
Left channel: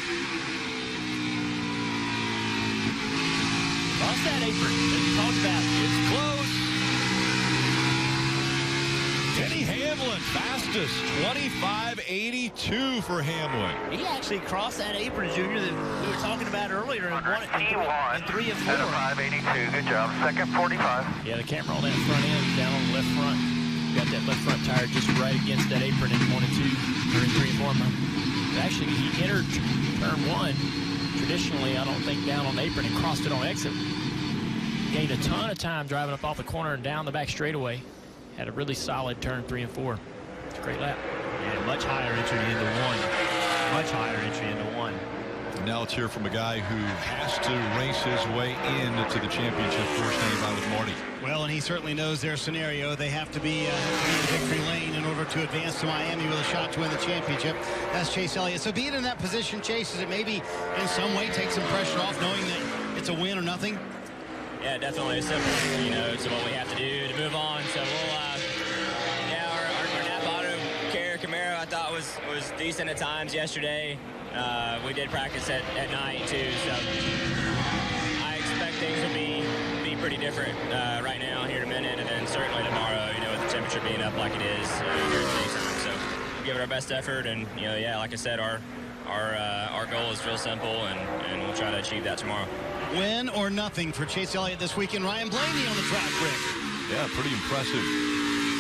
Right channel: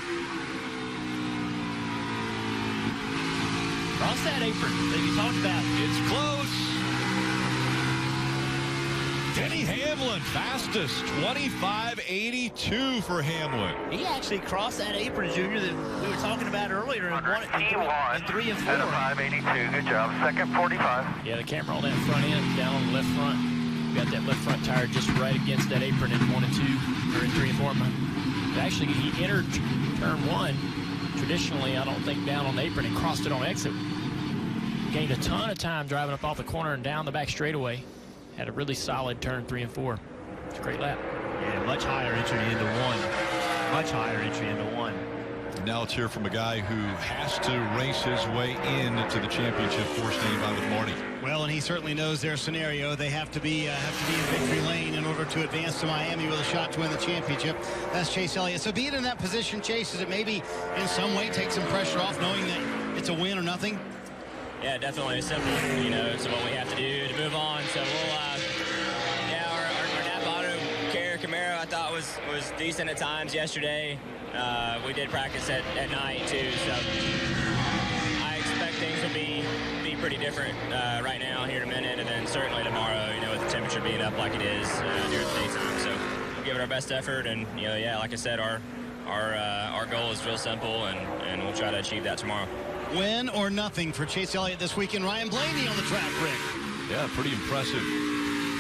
Cross that apron that you talked about. It's close. Denny Hamlin, fastest, 25.82 for Hamlin. He actually crossed that apron, Junior, that we were talking about earlier, and won it in 3 and 4. 5.82. Good job. Second 45. Yeah, the camera on that front end, down on the left front. Got that left front tire just right against that apron in 1 and 2, or in 3 and 4. But actually, he entered turn 1. Traditionally, I don't think down on the apron and crossed it on exit. Gained a ton of time driving up off the corner and down the back straightaway. Had a really solid turn 3 and 4. It's a great lap. Yeah, much higher entry into 1. Much higher entry into 1. Now let's hear from a guy who has to race his way into the championship for standing by with Marty. Well, and he certainly knows their scenario. They have to be in victory lane in order to advance to Miami with a shot to win the championship. That's Chase Elliott. So being in that position, Chase, does it maybe in some way take some pressure off knowing that it's a win or nothing? Yeah, definitely. It's simple. It's what we have to do to move on. So we'll, our Napa Auto Carrier Camaro I thought was decent at times yesterday. We did practice at night too, so I expect things will be pretty different right now here in a minute, and then certainly tomorrow, with the temperature being up like it is during the daytime. So we'll give it our best effort, and like I said, our goal is real simple, and we'll try to achieve that tomorrow. Win or nothing for Chase Elliott this weekend. Ryan Blaney on the track, Rick. Yeah, pretty impressive.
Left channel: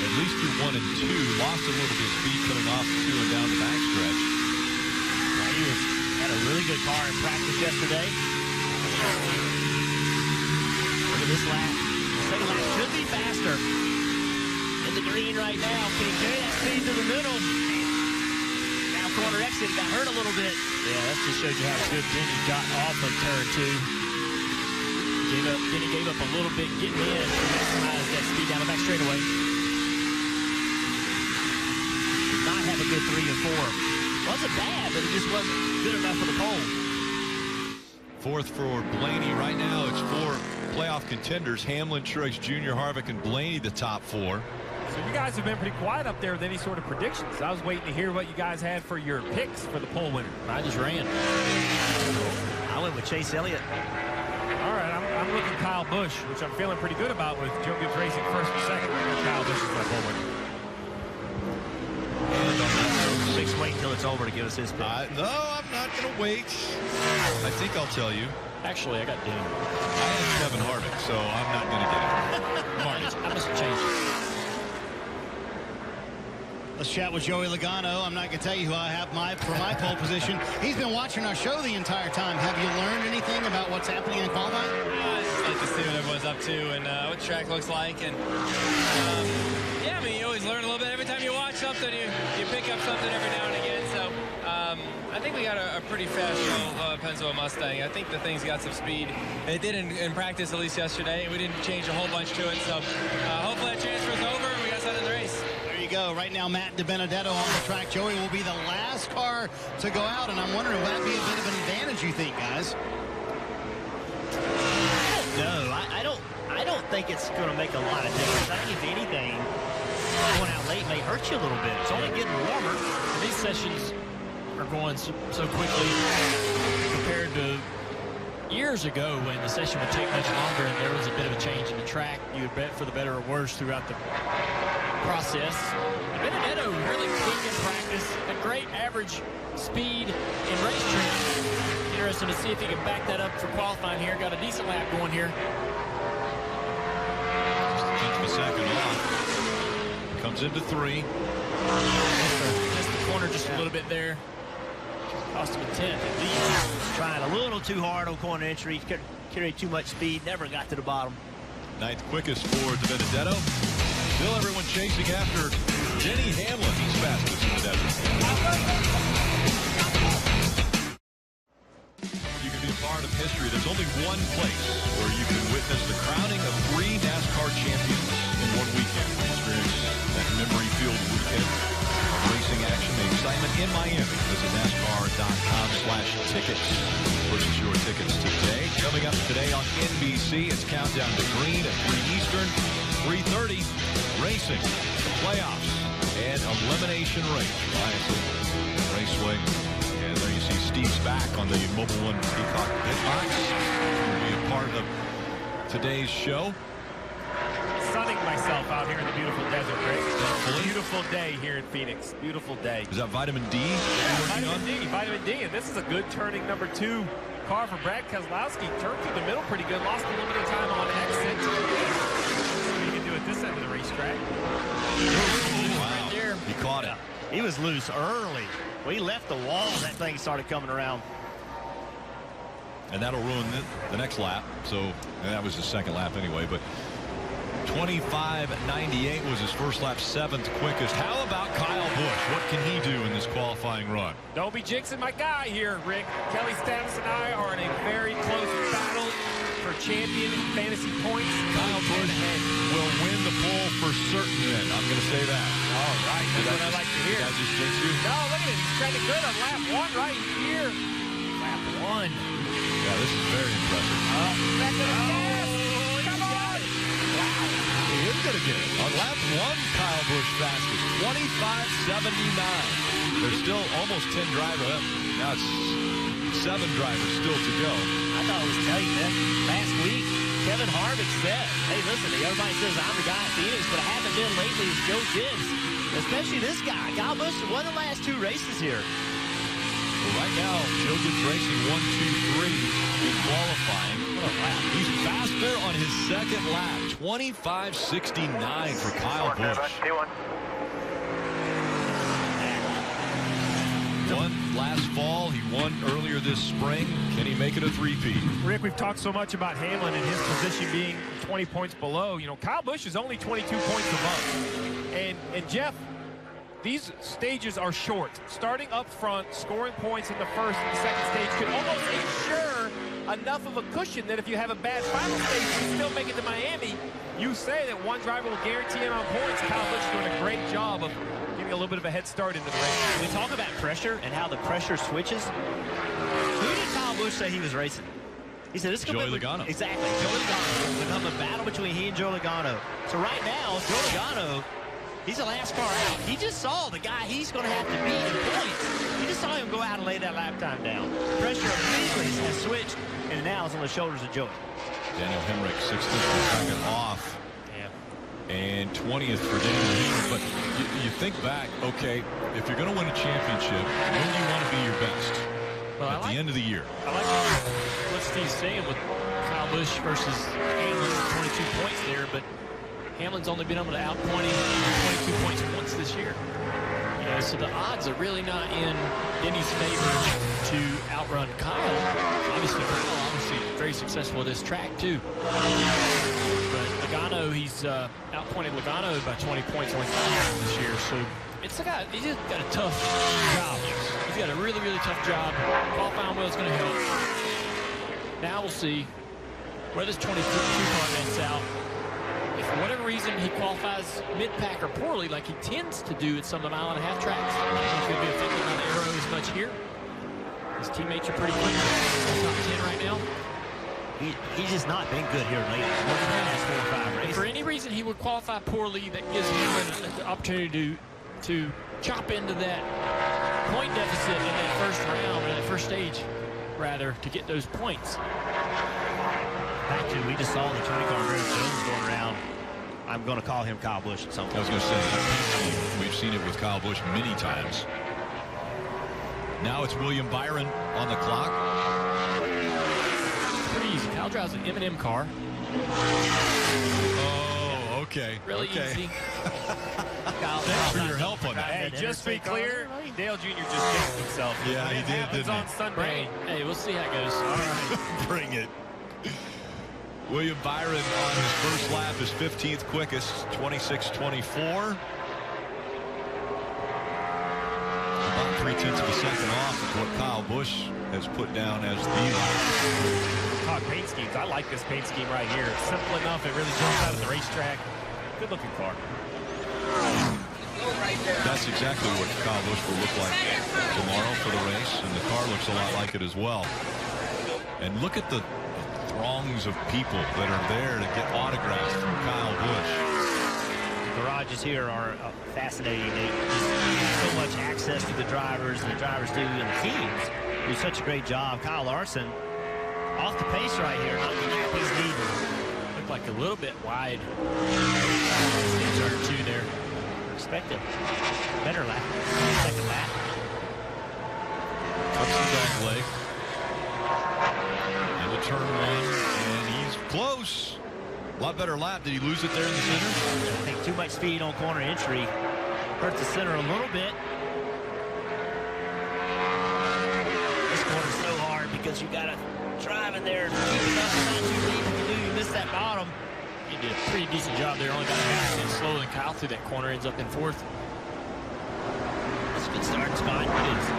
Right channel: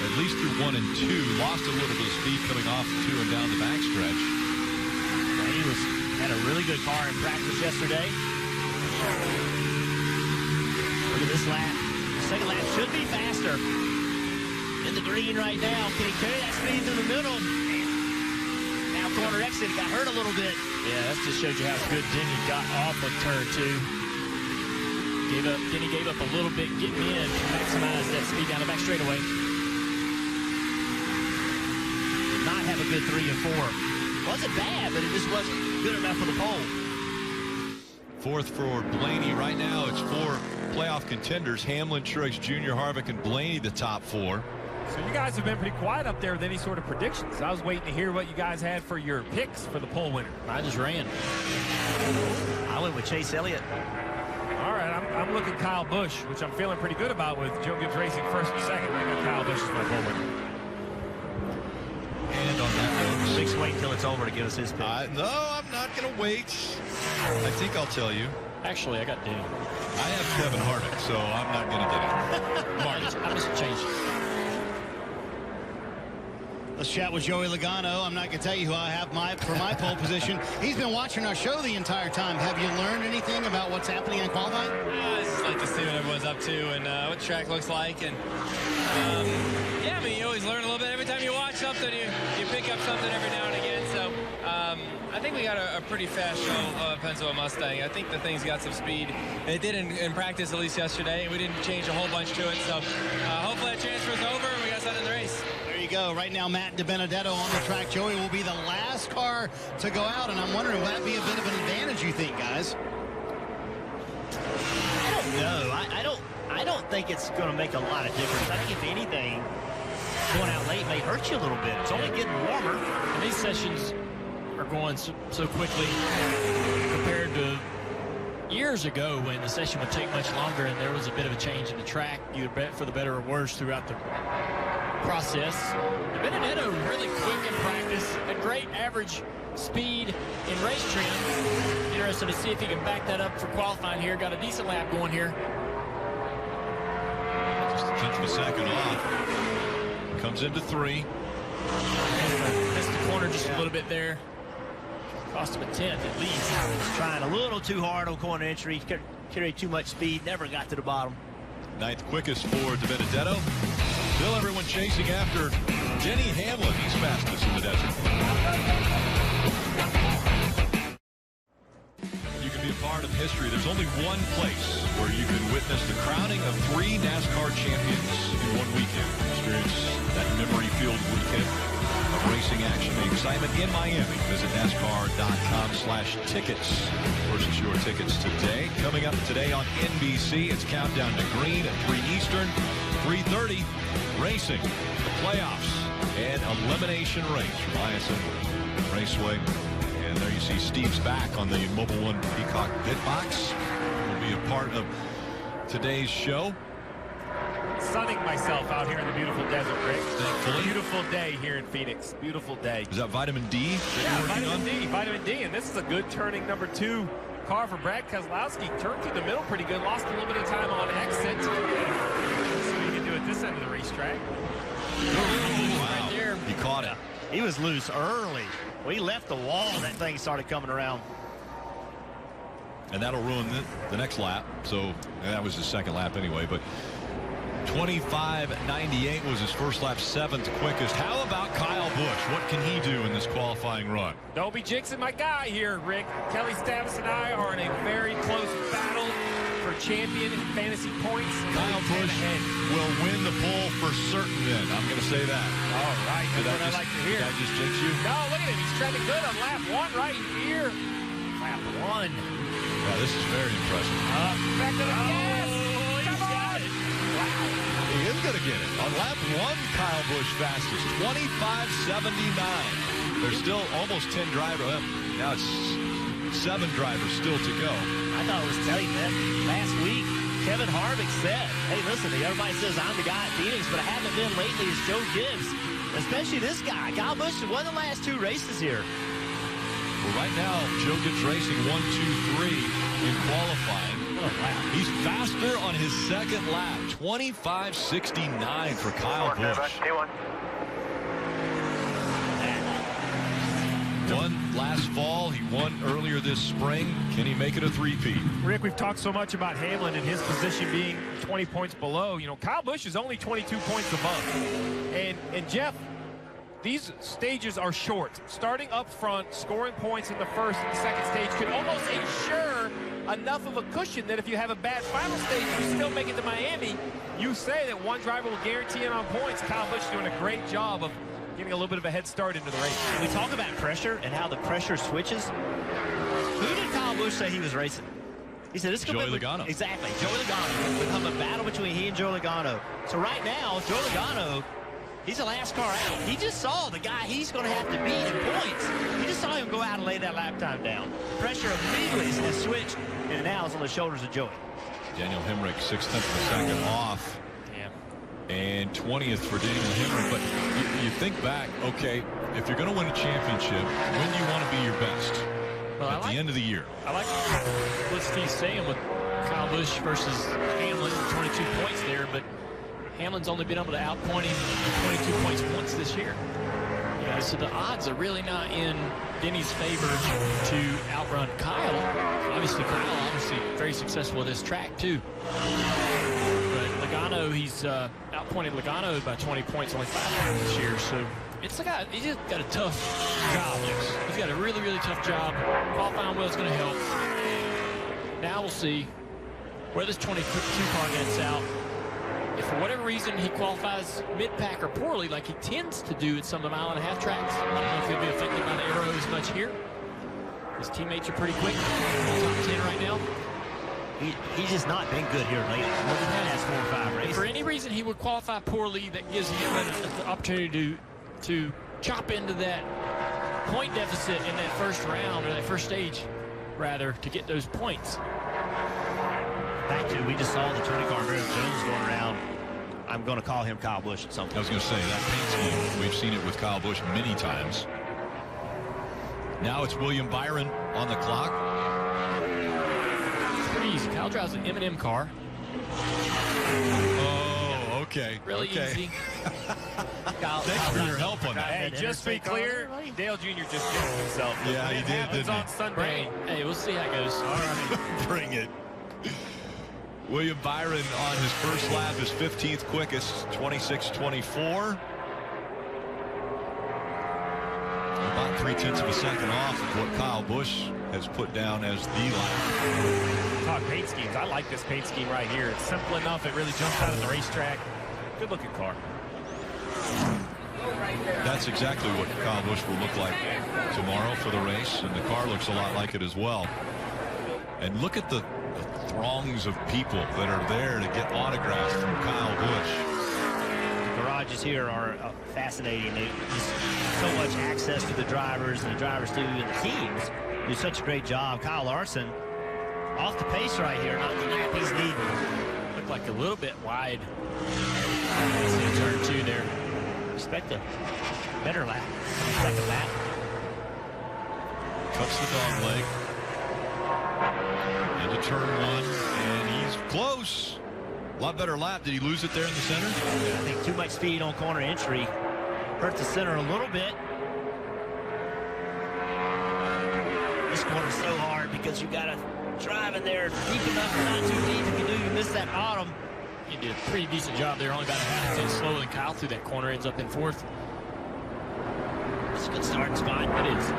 At least through 1 and 2, lost a little bit of speed coming off 2 and down the backstretch. Blaney had a really good car in practice yesterday. Look at this lap. The second lap should be faster. In the green right now. Can he carry that speed through the middle? Now corner exit, he got hurt a little bit. Yeah, that just shows you how good Denny got off of turn 2. Denny gave up a little bit getting in to maximize that speed down the back straightaway. Did not have a good 3 and 4. Wasn't bad, but it just wasn't good enough for the pole. Fourth for Blaney. Right now it's 4 playoff contenders. Hamlin, Truex Jr., Harvick, and Blaney the top 4. So you guys have been pretty quiet up there with any sort of predictions. I was waiting to hear what you guys had for your picks for the pole winner. I just ran. I went with Chase Elliott. All right, I'm looking Kyle Busch, which I'm feeling pretty good about with Joe Gibbs Racing first and second. I got Kyle Busch as my pole winner. And on that note, Six wait until it's over to give us his pick. No, I'm not going to wait. I think I'll tell you. Actually, I got Dean. I have Kevin Harvick, so I'm not going to get it. Marty. I must change it. Let's chat with Joey Logano. I'm not going to tell you who I have for my pole position. He's been watching our show the entire time. Have you learned anything about what's happening in qualifying? I just like to see what everyone's up to and what the track looks like. And yeah, I mean, you always learn a little bit. Every time you watch something, you pick up something every now and again. So I think we got a pretty fast show, Pennsylvania Mustang. I think the thing's got some speed. It did in practice, at least yesterday, and we didn't change a whole bunch to it. So hopefully that transfer's over and we got something in the race. There you go. Right now, Matt DiBenedetto on the track. Joey will be the last car to go out, and I'm wondering, will that be a bit of an advantage, you think, guys? I don't know. I don't think it's going to make a lot of difference. I think, if anything, going out late may hurt you a little bit. It's only getting warmer. And these sessions are going so quickly compared to years ago when the session would take much longer and there was a bit of a change in the track. You would bet for the better or worse throughout the process. Benedetto really quick in practice, a great average speed in race trim. Interesting to see if he can back that up for qualifying here. Got a decent lap going here. Just a tenth of a second off. Comes into 3. Missed the corner just a little bit there. Cost him a tenth at least. He's trying a little too hard on corner entry. Carried too much speed. Never got to the bottom. 9th quickest for DiBenedetto. Still everyone chasing after Denny Hamlin. He's fastest in the desert. You can be a part of history. There's only one place where you can witness the crowning of 3 NASCAR champions in one weekend. Experience that memory-filled weekend of racing action, the excitement in Miami. Visit NASCAR.com/tickets. Purchase your tickets today. Coming up today on NBC, it's Countdown to Green at 3 Eastern, 3:30. Racing, the playoffs, and elimination race from ISM Raceway. And there you see Steve's back on the Mobile One Peacock Bitbox. Will be a part of today's show. Sunning myself out here in the beautiful desert, Rick. Thankfully. Beautiful day here in Phoenix. Beautiful day. Is that vitamin D that you're working on? Vitamin D. And this is a good turning number 2 car for Brad Keselowski. Turned through the middle pretty good. Lost a little bit of time on exit. You can do at this end of the racetrack. Wow. Right there. He caught it. He was loose early. When he left the wall, that thing started coming around. And that'll ruin the next lap. So that was his second lap anyway. But 25.98 was his first lap, 7th quickest. How about Kyle Busch? What can he do in this qualifying run? Don't be jinxing my guy here, Rick. Kelly Stavis and I are in a very close battle for champion and fantasy points. Kyle Busch will win the pole for certain then. I'm going to say that. All right. That's what I like to hear. Did I just jinx you? No, look at him. He's trending good on lap 1 right here. Lap 1. Yeah, this is very impressive. Back to the gas. Come on. Wow. He is going to get it. On lap 1, Kyle Busch fastest. 25.79. There's still almost 10 drivers. Well, now it's 7 drivers still to go. I thought it was telling you that last week. Kevin Harvick said, hey, listen, everybody says I'm the guy at Phoenix, but I haven't been lately. It's Joe Gibbs, especially this guy. Kyle Busch won the last 2 races here. Well, right now, Joe Gibbs Racing 1, 2, 3 in qualifying. Oh, wow. He's faster on his second lap. 25.69 for Kyle Busch. Won last fall. He won earlier this spring. Can he make it a three-peat? Rick, we've talked so much about Hamlin and his position being 20 points below. You know, Kyle Busch is only 22 points above. And Jeff, these stages are short. Starting up front, scoring points in the first and the second stage could almost ensure enough of a cushion that if you have a bad final stage, you still make it to Miami. You say that one driver will guarantee it on points. Kyle Busch is doing a great job of getting a little bit of a head start into the race. And we talk about pressure and how the pressure switches. Who did Kyle Busch say he was racing? He said, "This could Joey be Logano." Exactly, Joey Logano. Become a battle between he and Joey Logano. So right now, Joey Logano, he's the last car out. He just saw the guy he's going to have to beat in points. He just saw him go out and lay that lap time down. Pressure immediately has switched, and now it's on the shoulders of Joey. Daniel Hemrick, 0.6 of a second off. Yeah. And 20th for Daniel Hemrick. But you think back, okay, if you're going to win a championship, when do you want to be your best? Well, at the end of the year. I like what Steve's saying with Kyle Busch versus Hamlin, 22 points there, but Hamlin's only been able to outpoint him 22 points once this year. You know, so the odds are really not in Denny's favor to outrun Kyle. Obviously, Kyle very successful at this track too. But Logano, he's outpointed Logano by 20 points only 5 times this year. So it's a guy, he's just got a tough job. Yes. He's got a really, really tough job. Qualifying well is going to help. Now we'll see where this 22 car nets out. If for whatever reason he qualifies mid-pack or poorly, like he tends to do at some of the mile-and-a-half tracks, I don't know if he'll be affected by the aero as much here. His teammates are pretty quick. In top 10 right now. He's just not been good here lately. More than the last 4 or 5 races. If for any reason he would qualify poorly, that gives Hamlin the opportunity to chop into that point deficit in that first round, or that first stage, rather, to get those points. Back to, we just saw the 20 car Griff Jones going around. I'm going to call him Kyle Busch at some point. I was going to say, that paint scheme, we've seen it with Kyle Busch many times. Now it's William Byron on the clock. Pretty easy. Kyle drives an M&M car. Oh, okay. Really okay. easy. Thanks for your help on that. Hey, just to be clear, Dale Jr. just jinxed himself. Yeah, When he it did, happens didn't he? on Sunday. Hey, we'll see how it goes. All right. Bring it. William Byron on his first lap, his 15th quickest, 26.24. About 0.3 of a second off of what Kyle Busch has put down as the lap. Talk paint schemes. I like this paint scheme right here. It's simple enough. It really jumps out at the racetrack. Good looking car. That's exactly what Kyle Busch will look like tomorrow for the race, and the car looks a lot like it as well. And look at the throngs of people that are there to get autographs from Kyle Busch. The garages here are fascinating. They just so much access to the drivers, and the drivers do, and the teams do such a great job. Kyle Larson off the pace right here, not the lap he's needing. Looked like a little bit wide in turn 2 there. Expect a better lap on the second lap. Cuts the dog leg into turn 1, and he's close. A lot better lap. Did he lose it there in the center? Yeah, I think too much speed on corner entry hurt the center a little bit. This corner's so hard because you got to drive in there deep enough and not too deep. If you do, you miss that bottom. He did a pretty decent job there. Only about a half a 10 slower than Kyle through that corner. Ends up in 4th. That's a good starting spot. It is.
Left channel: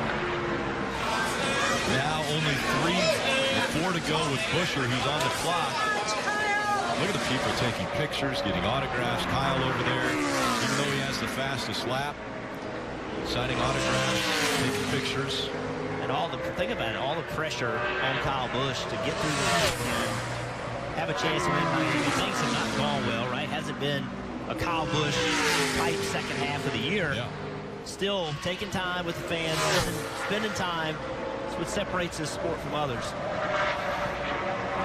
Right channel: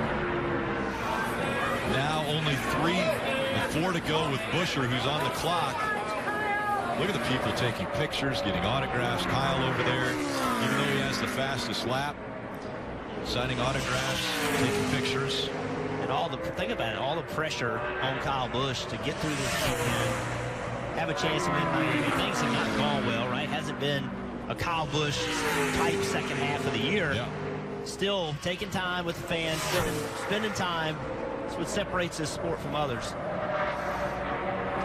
Now only 4 to go with Buescher, who's on the clock. Look at the people taking pictures, getting autographs. Kyle over there, even though he has the fastest lap, signing autographs, taking pictures. And think about it, all the pressure on Kyle Busch to get through this weekend, have a chance to win Miami. Things have not gone well, right? Hasn't been a Kyle Busch type second half of the year. Yeah. Still taking time with the fans, spending time. That's what separates this sport from others.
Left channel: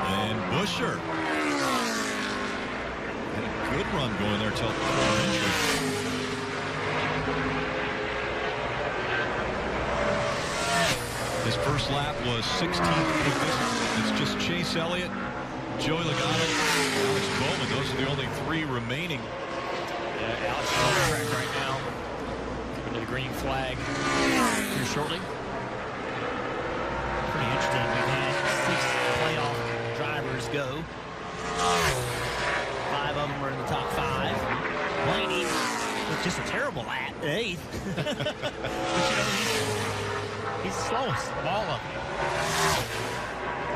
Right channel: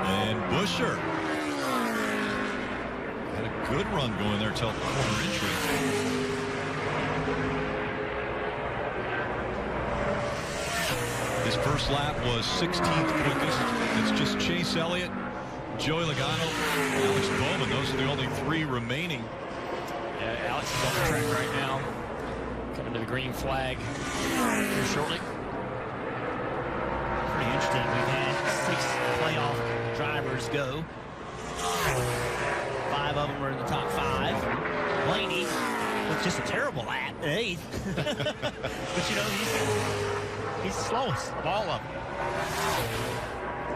And Buescher had a good run going there till corner entry. His first lap was 16th quickest. It's just Chase Elliott, Joey Logano, Alex Bowman. Those are the only 3 remaining. Yeah, Alex is on the track right now. Coming to the green flag here shortly. Pretty interesting. We've had 6 playoff drivers go. 5 of them are in the top 5. Blaney with just a terrible lap at 8th. But you know, he's the slowest of all of them.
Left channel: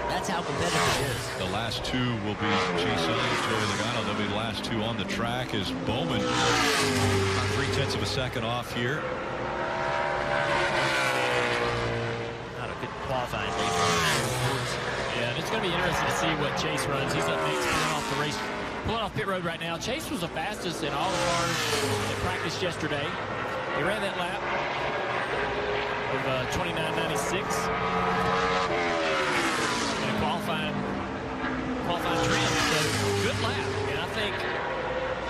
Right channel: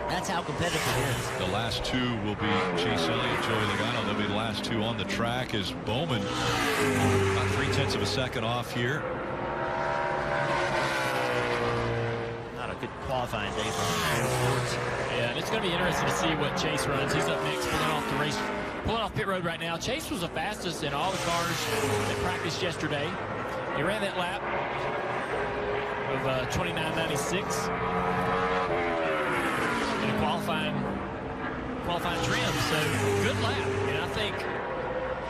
That's how competitive it is. The last 2 will be Chase Elliott, Joey Logano. They'll be the last 2 on the track as Bowman about 0.3 of a second off here. Not a good qualifying day for Hunter Sports. Yeah, and it's going to be interesting to see what Chase runs. He's up next, pulling off pit road right now. Chase was the fastest in all the cars that practiced yesterday. He ran that lap of 29.96 in a qualifying trim. So good lap, and I think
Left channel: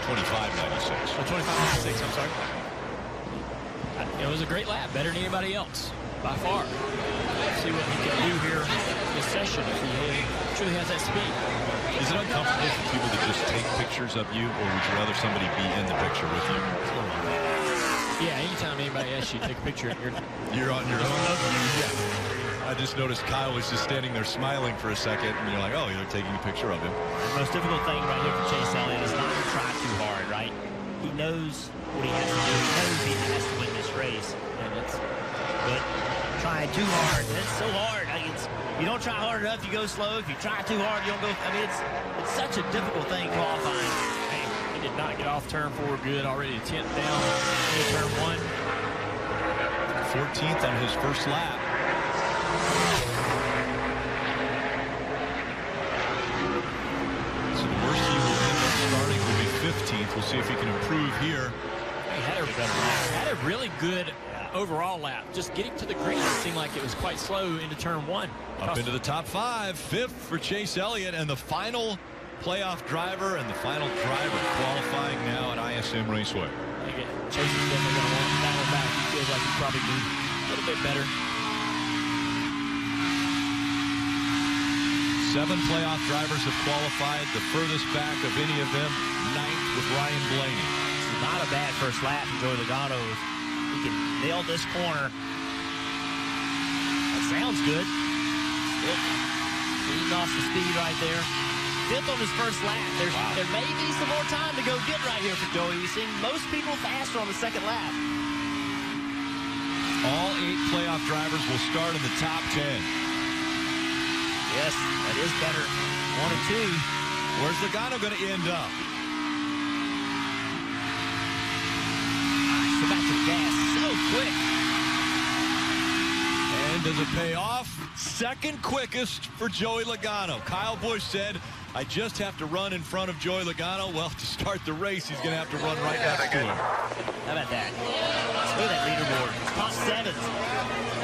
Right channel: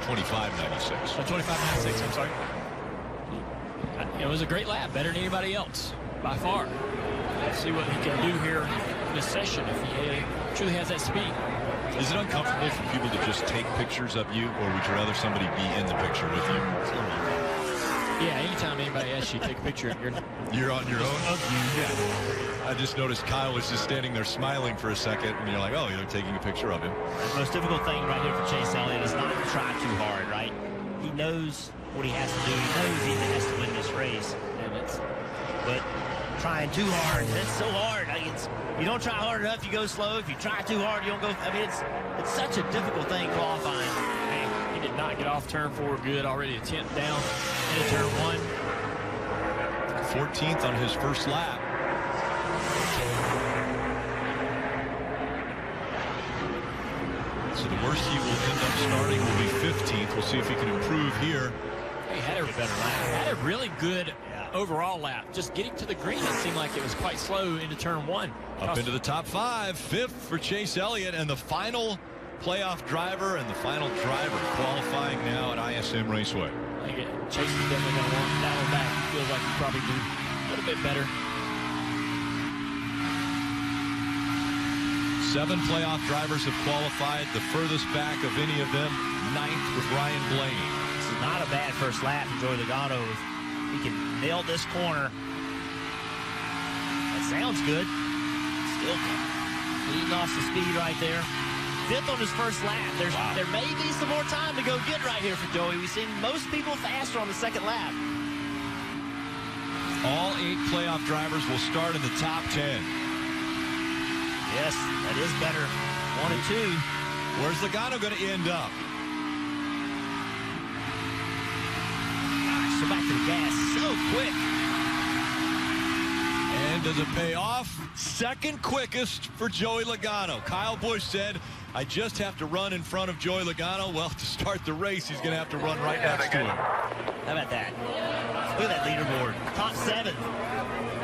25.96. 25.96. I'm sorry. It was a great lap, better than anybody else by far. Let's see what he can do here in this session if he truly has that speed. Is it uncomfortable for people to just take pictures of you, or would you rather somebody be in the picture with you? It's a little uncomfortable. Yeah, anytime anybody asks you to take a picture, you're on your own? Of you. Yeah. I just noticed Kyle was just standing there smiling for a second, and you're like, oh, you're taking a picture of him. The most difficult thing right here for Chase Elliott is not to try too hard, right? He knows what he has to do. He knows he has to win this race. But trying too hard, that's so hard. You don't try hard enough, you go slow. If you try too hard, you don't go. I mean, it's such a difficult thing qualifying. Man, he did not get off turn 4 good. Already a 10th down into turn 1. 14th on his first lap. So the worst he will end up starting will be 15th. We'll see if he can improve here. He had a better lap. Had a really good overall lap. Just getting to the green, it seemed like it was quite slow into turn 1. Up into the top 5. 5th for Chase Elliott, and the final playoff driver and the final driver qualifying now at ISM Raceway. I think Chase is definitely going to want that one back. He feels like he probably do a little bit better. 7 playoff drivers have qualified. The furthest back of any of them, 9th with Ryan Blaney. This is not a bad first lap for Joey Logano. If he can nail this corner, that sounds good. Still leading off the speed right there. 5th on his first lap. There may be some more time to go get right here for Joey. We've seen most people faster on the second lap. All 8 playoff drivers will start in the top 10. Yes, that is better. 1 and 2. Where's Logano going to end up? All right, so back to the gas. So quick. And does it pay off? Second quickest for Joey Logano. Kyle Busch said, I just have to run in front of Joey Logano. Well, to start the race, he's going to have to run right next to him. How about that? Look at that leaderboard. Top 7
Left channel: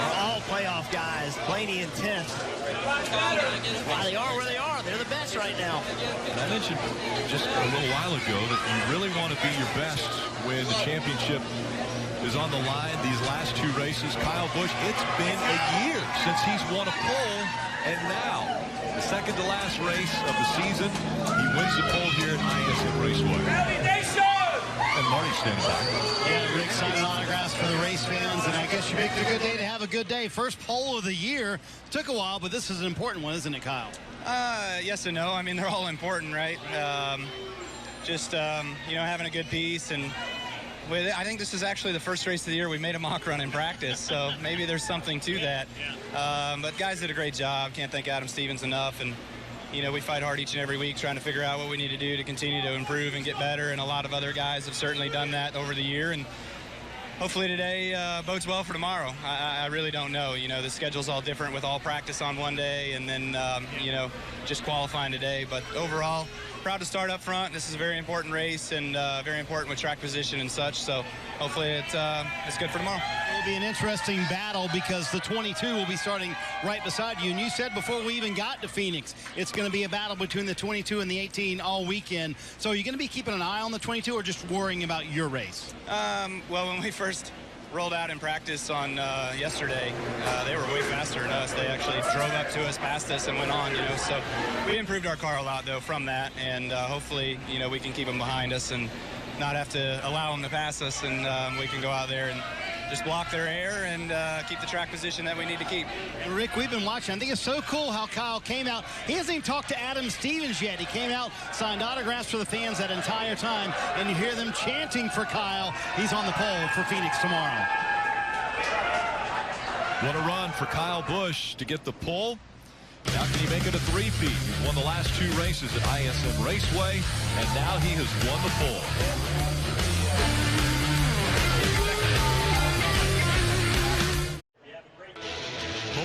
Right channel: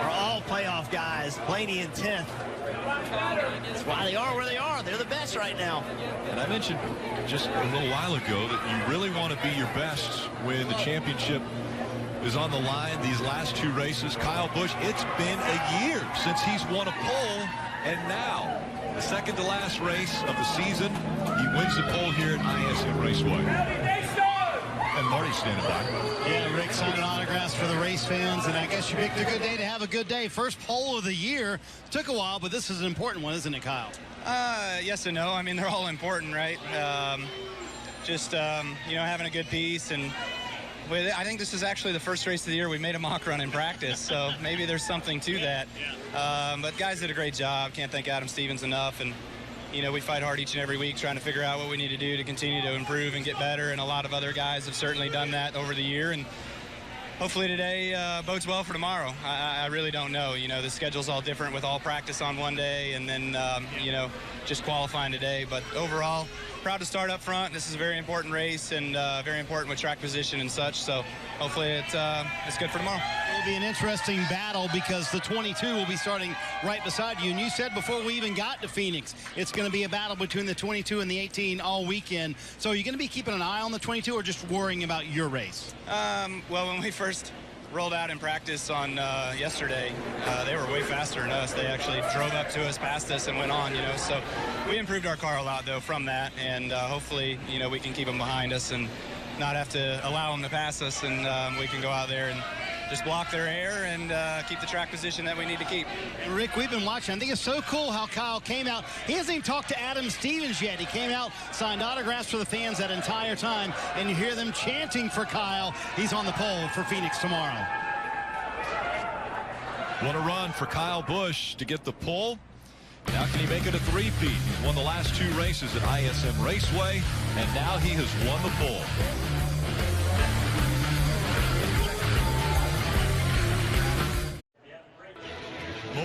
are all playoff guys. Blaney in 10th. That's why they are where they are. They're the best right now. And I mentioned just a little while ago that you really want to be your best when the championship is on the line. These last 2 races, Kyle Busch, it's been a year since he's won a pole, and now the second to last race of the season, he wins the pole here at ISM Raceway. And Marty's standing by. Yeah, Rick signing autographs for the race fans, and I guess you picked a good day to have a good day. First pole of the year. Took a while, but this is an important one, isn't it, Kyle? Yes and no. I mean, they're all important, right? Having a good piece, and I think this is actually the first race of the year we made a mock run in practice, so maybe there's something to that. But guys did a great job. Can't thank Adam Stevens enough, and we fight hard each and every week trying to figure out what we need to do to continue to improve and get better, and a lot of other guys have certainly done that over the year, and hopefully today bodes well for tomorrow. I really don't know. The schedule's all different with all practice on one day and then, just qualifying today. But overall, proud to start up front. This is a very important race and very important with track position and such. So hopefully it's good for tomorrow. It will be an interesting battle because the 22 will be starting right beside you. And you said before we even got to Phoenix, it's going to be a battle between the 22 and the 18 all weekend. So are you going to be keeping an eye on the 22 or just worrying about your race? Well, when we first rolled out in practice on yesterday, they were way faster than us. They actually drove up to us, passed us, and went on, So we improved our car a lot, though, from that. And hopefully, we can keep them behind us and not have to allow them to pass us. And we can go out there and just block their air and keep the track position that we need to keep. Rick, we've been watching. I think it's so cool how Kyle came out. He hasn't even talked to Adam Stevens yet. He came out, signed autographs for the fans that entire time, and you hear them chanting for Kyle. He's on the pole for Phoenix tomorrow. What a run for Kyle Busch to get the pole. Now can he make it a 3-peat? He's won the last 2 races at ISM Raceway, and now he has won the pole.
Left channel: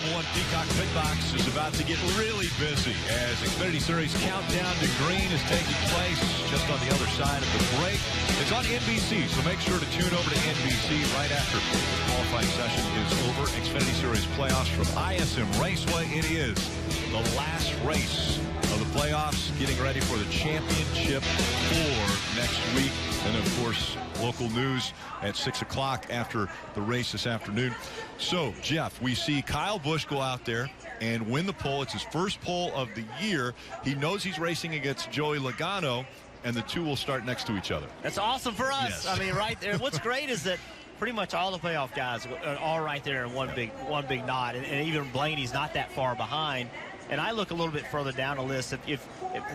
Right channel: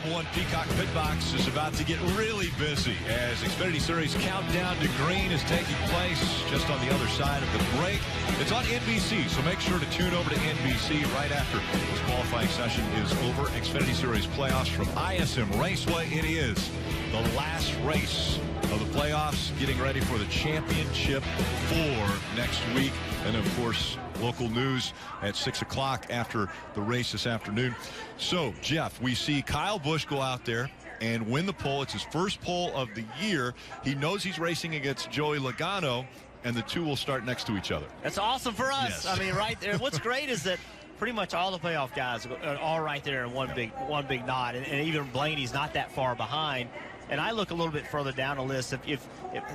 Mobile One Peacock Pit Box is about to get really busy as Xfinity Series Countdown to Green is taking place just on the other side of the break. It's on NBC, so make sure to tune over to NBC right after the qualifying session is over. Xfinity Series playoffs from ISM Raceway. It is the last race of the playoffs, getting ready for the championship for next week. And, of course, local news at 6 o'clock after the race this afternoon. So, Jeff, we see Kyle Busch go out there and win the pole. It's his first pole of the year. He knows he's racing against Joey Logano, and the two will start next to each other. That's awesome for us. Yes. I mean, right there. What's great is that pretty much all the playoff guys are all right there in one big knot, and even Blaney's not that far behind. And I look a little bit further down the list. If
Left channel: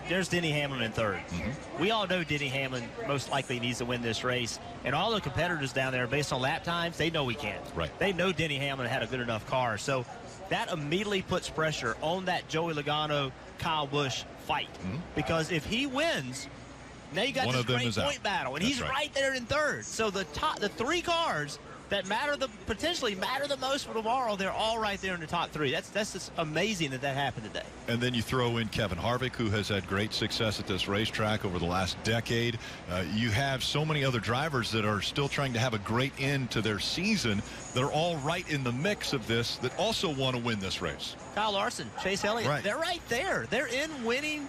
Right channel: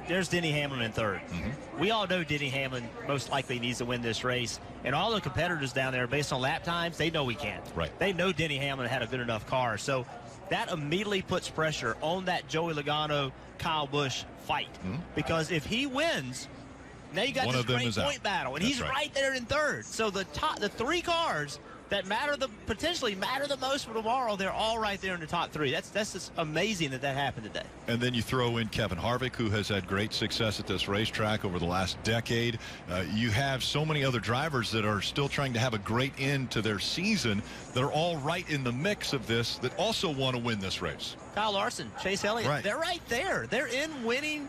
there's Denny Hamlin in third. We all know Denny Hamlin most likely needs to win this race. And all the competitors down there, based on lap times, they know he can't. Right. They know Denny Hamlin had a good enough car. So that immediately puts pressure on that Joey Logano, Kyle Busch fight. Because if he wins, now you got this great point battle. And he's right there in third. So the three cars that potentially matter the most for tomorrow, they're all right there in the top three. That's just amazing that happened today. And then you throw in Kevin Harvick, who has had great success at this racetrack over the last decade. You have so many other drivers that are still trying to have a great end to their season. They're all right in the mix of this that also want to win this race. Kyle Larson, Chase Elliott, they're right there. They're in winning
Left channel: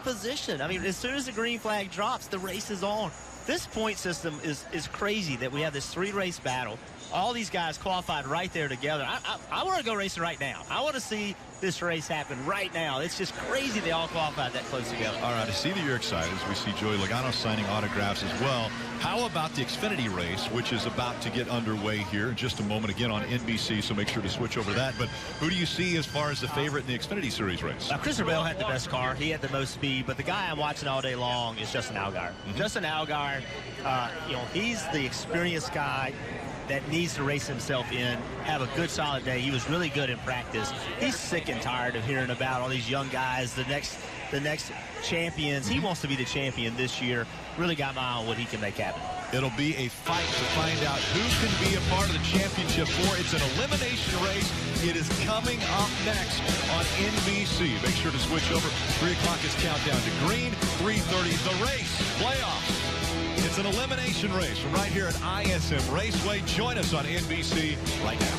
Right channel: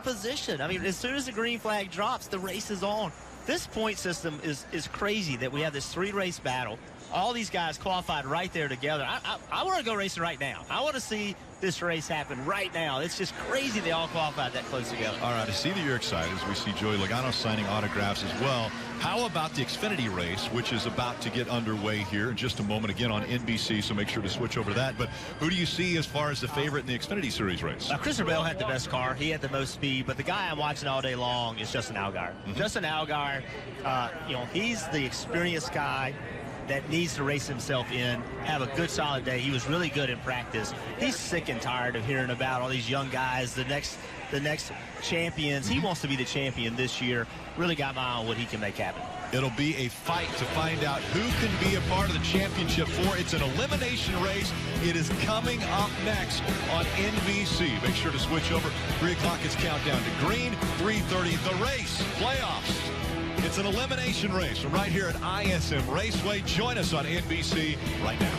position. I mean, as soon as the green flag drops, the race is on. This point system is crazy that we have this three-race battle. All these guys qualified right there together. I want to go racing right now. I want to see this race happen right now. It's just crazy they all qualified that close together. All right, I see that you're excited as we see Joey Logano signing autographs as well. How about the Xfinity race, which is about to get underway here in just a moment, again on NBC, so make sure to switch over to that. But who do you see as far as the favorite in the Xfinity Series race? Christopher Bell had the best car. He had the most speed, but the guy I'm watching all day long is Justin Allgaier. Justin Allgaier, he's the experienced guy that needs to race himself in, have a good solid day. He was really good in practice. He's sick and tired of hearing about all these young guys, the next champions. He wants to be the champion this year. Really got my eye on what he can make happen. It'll be a fight to find out who can be a part of the championship four. It's an elimination race. It is coming up next on NBC. Make sure to switch over. 3 o'clock is Countdown to Green. 3:30, the race, playoffs. It's an elimination race from right here at ISM Raceway. Join us on NBC right now.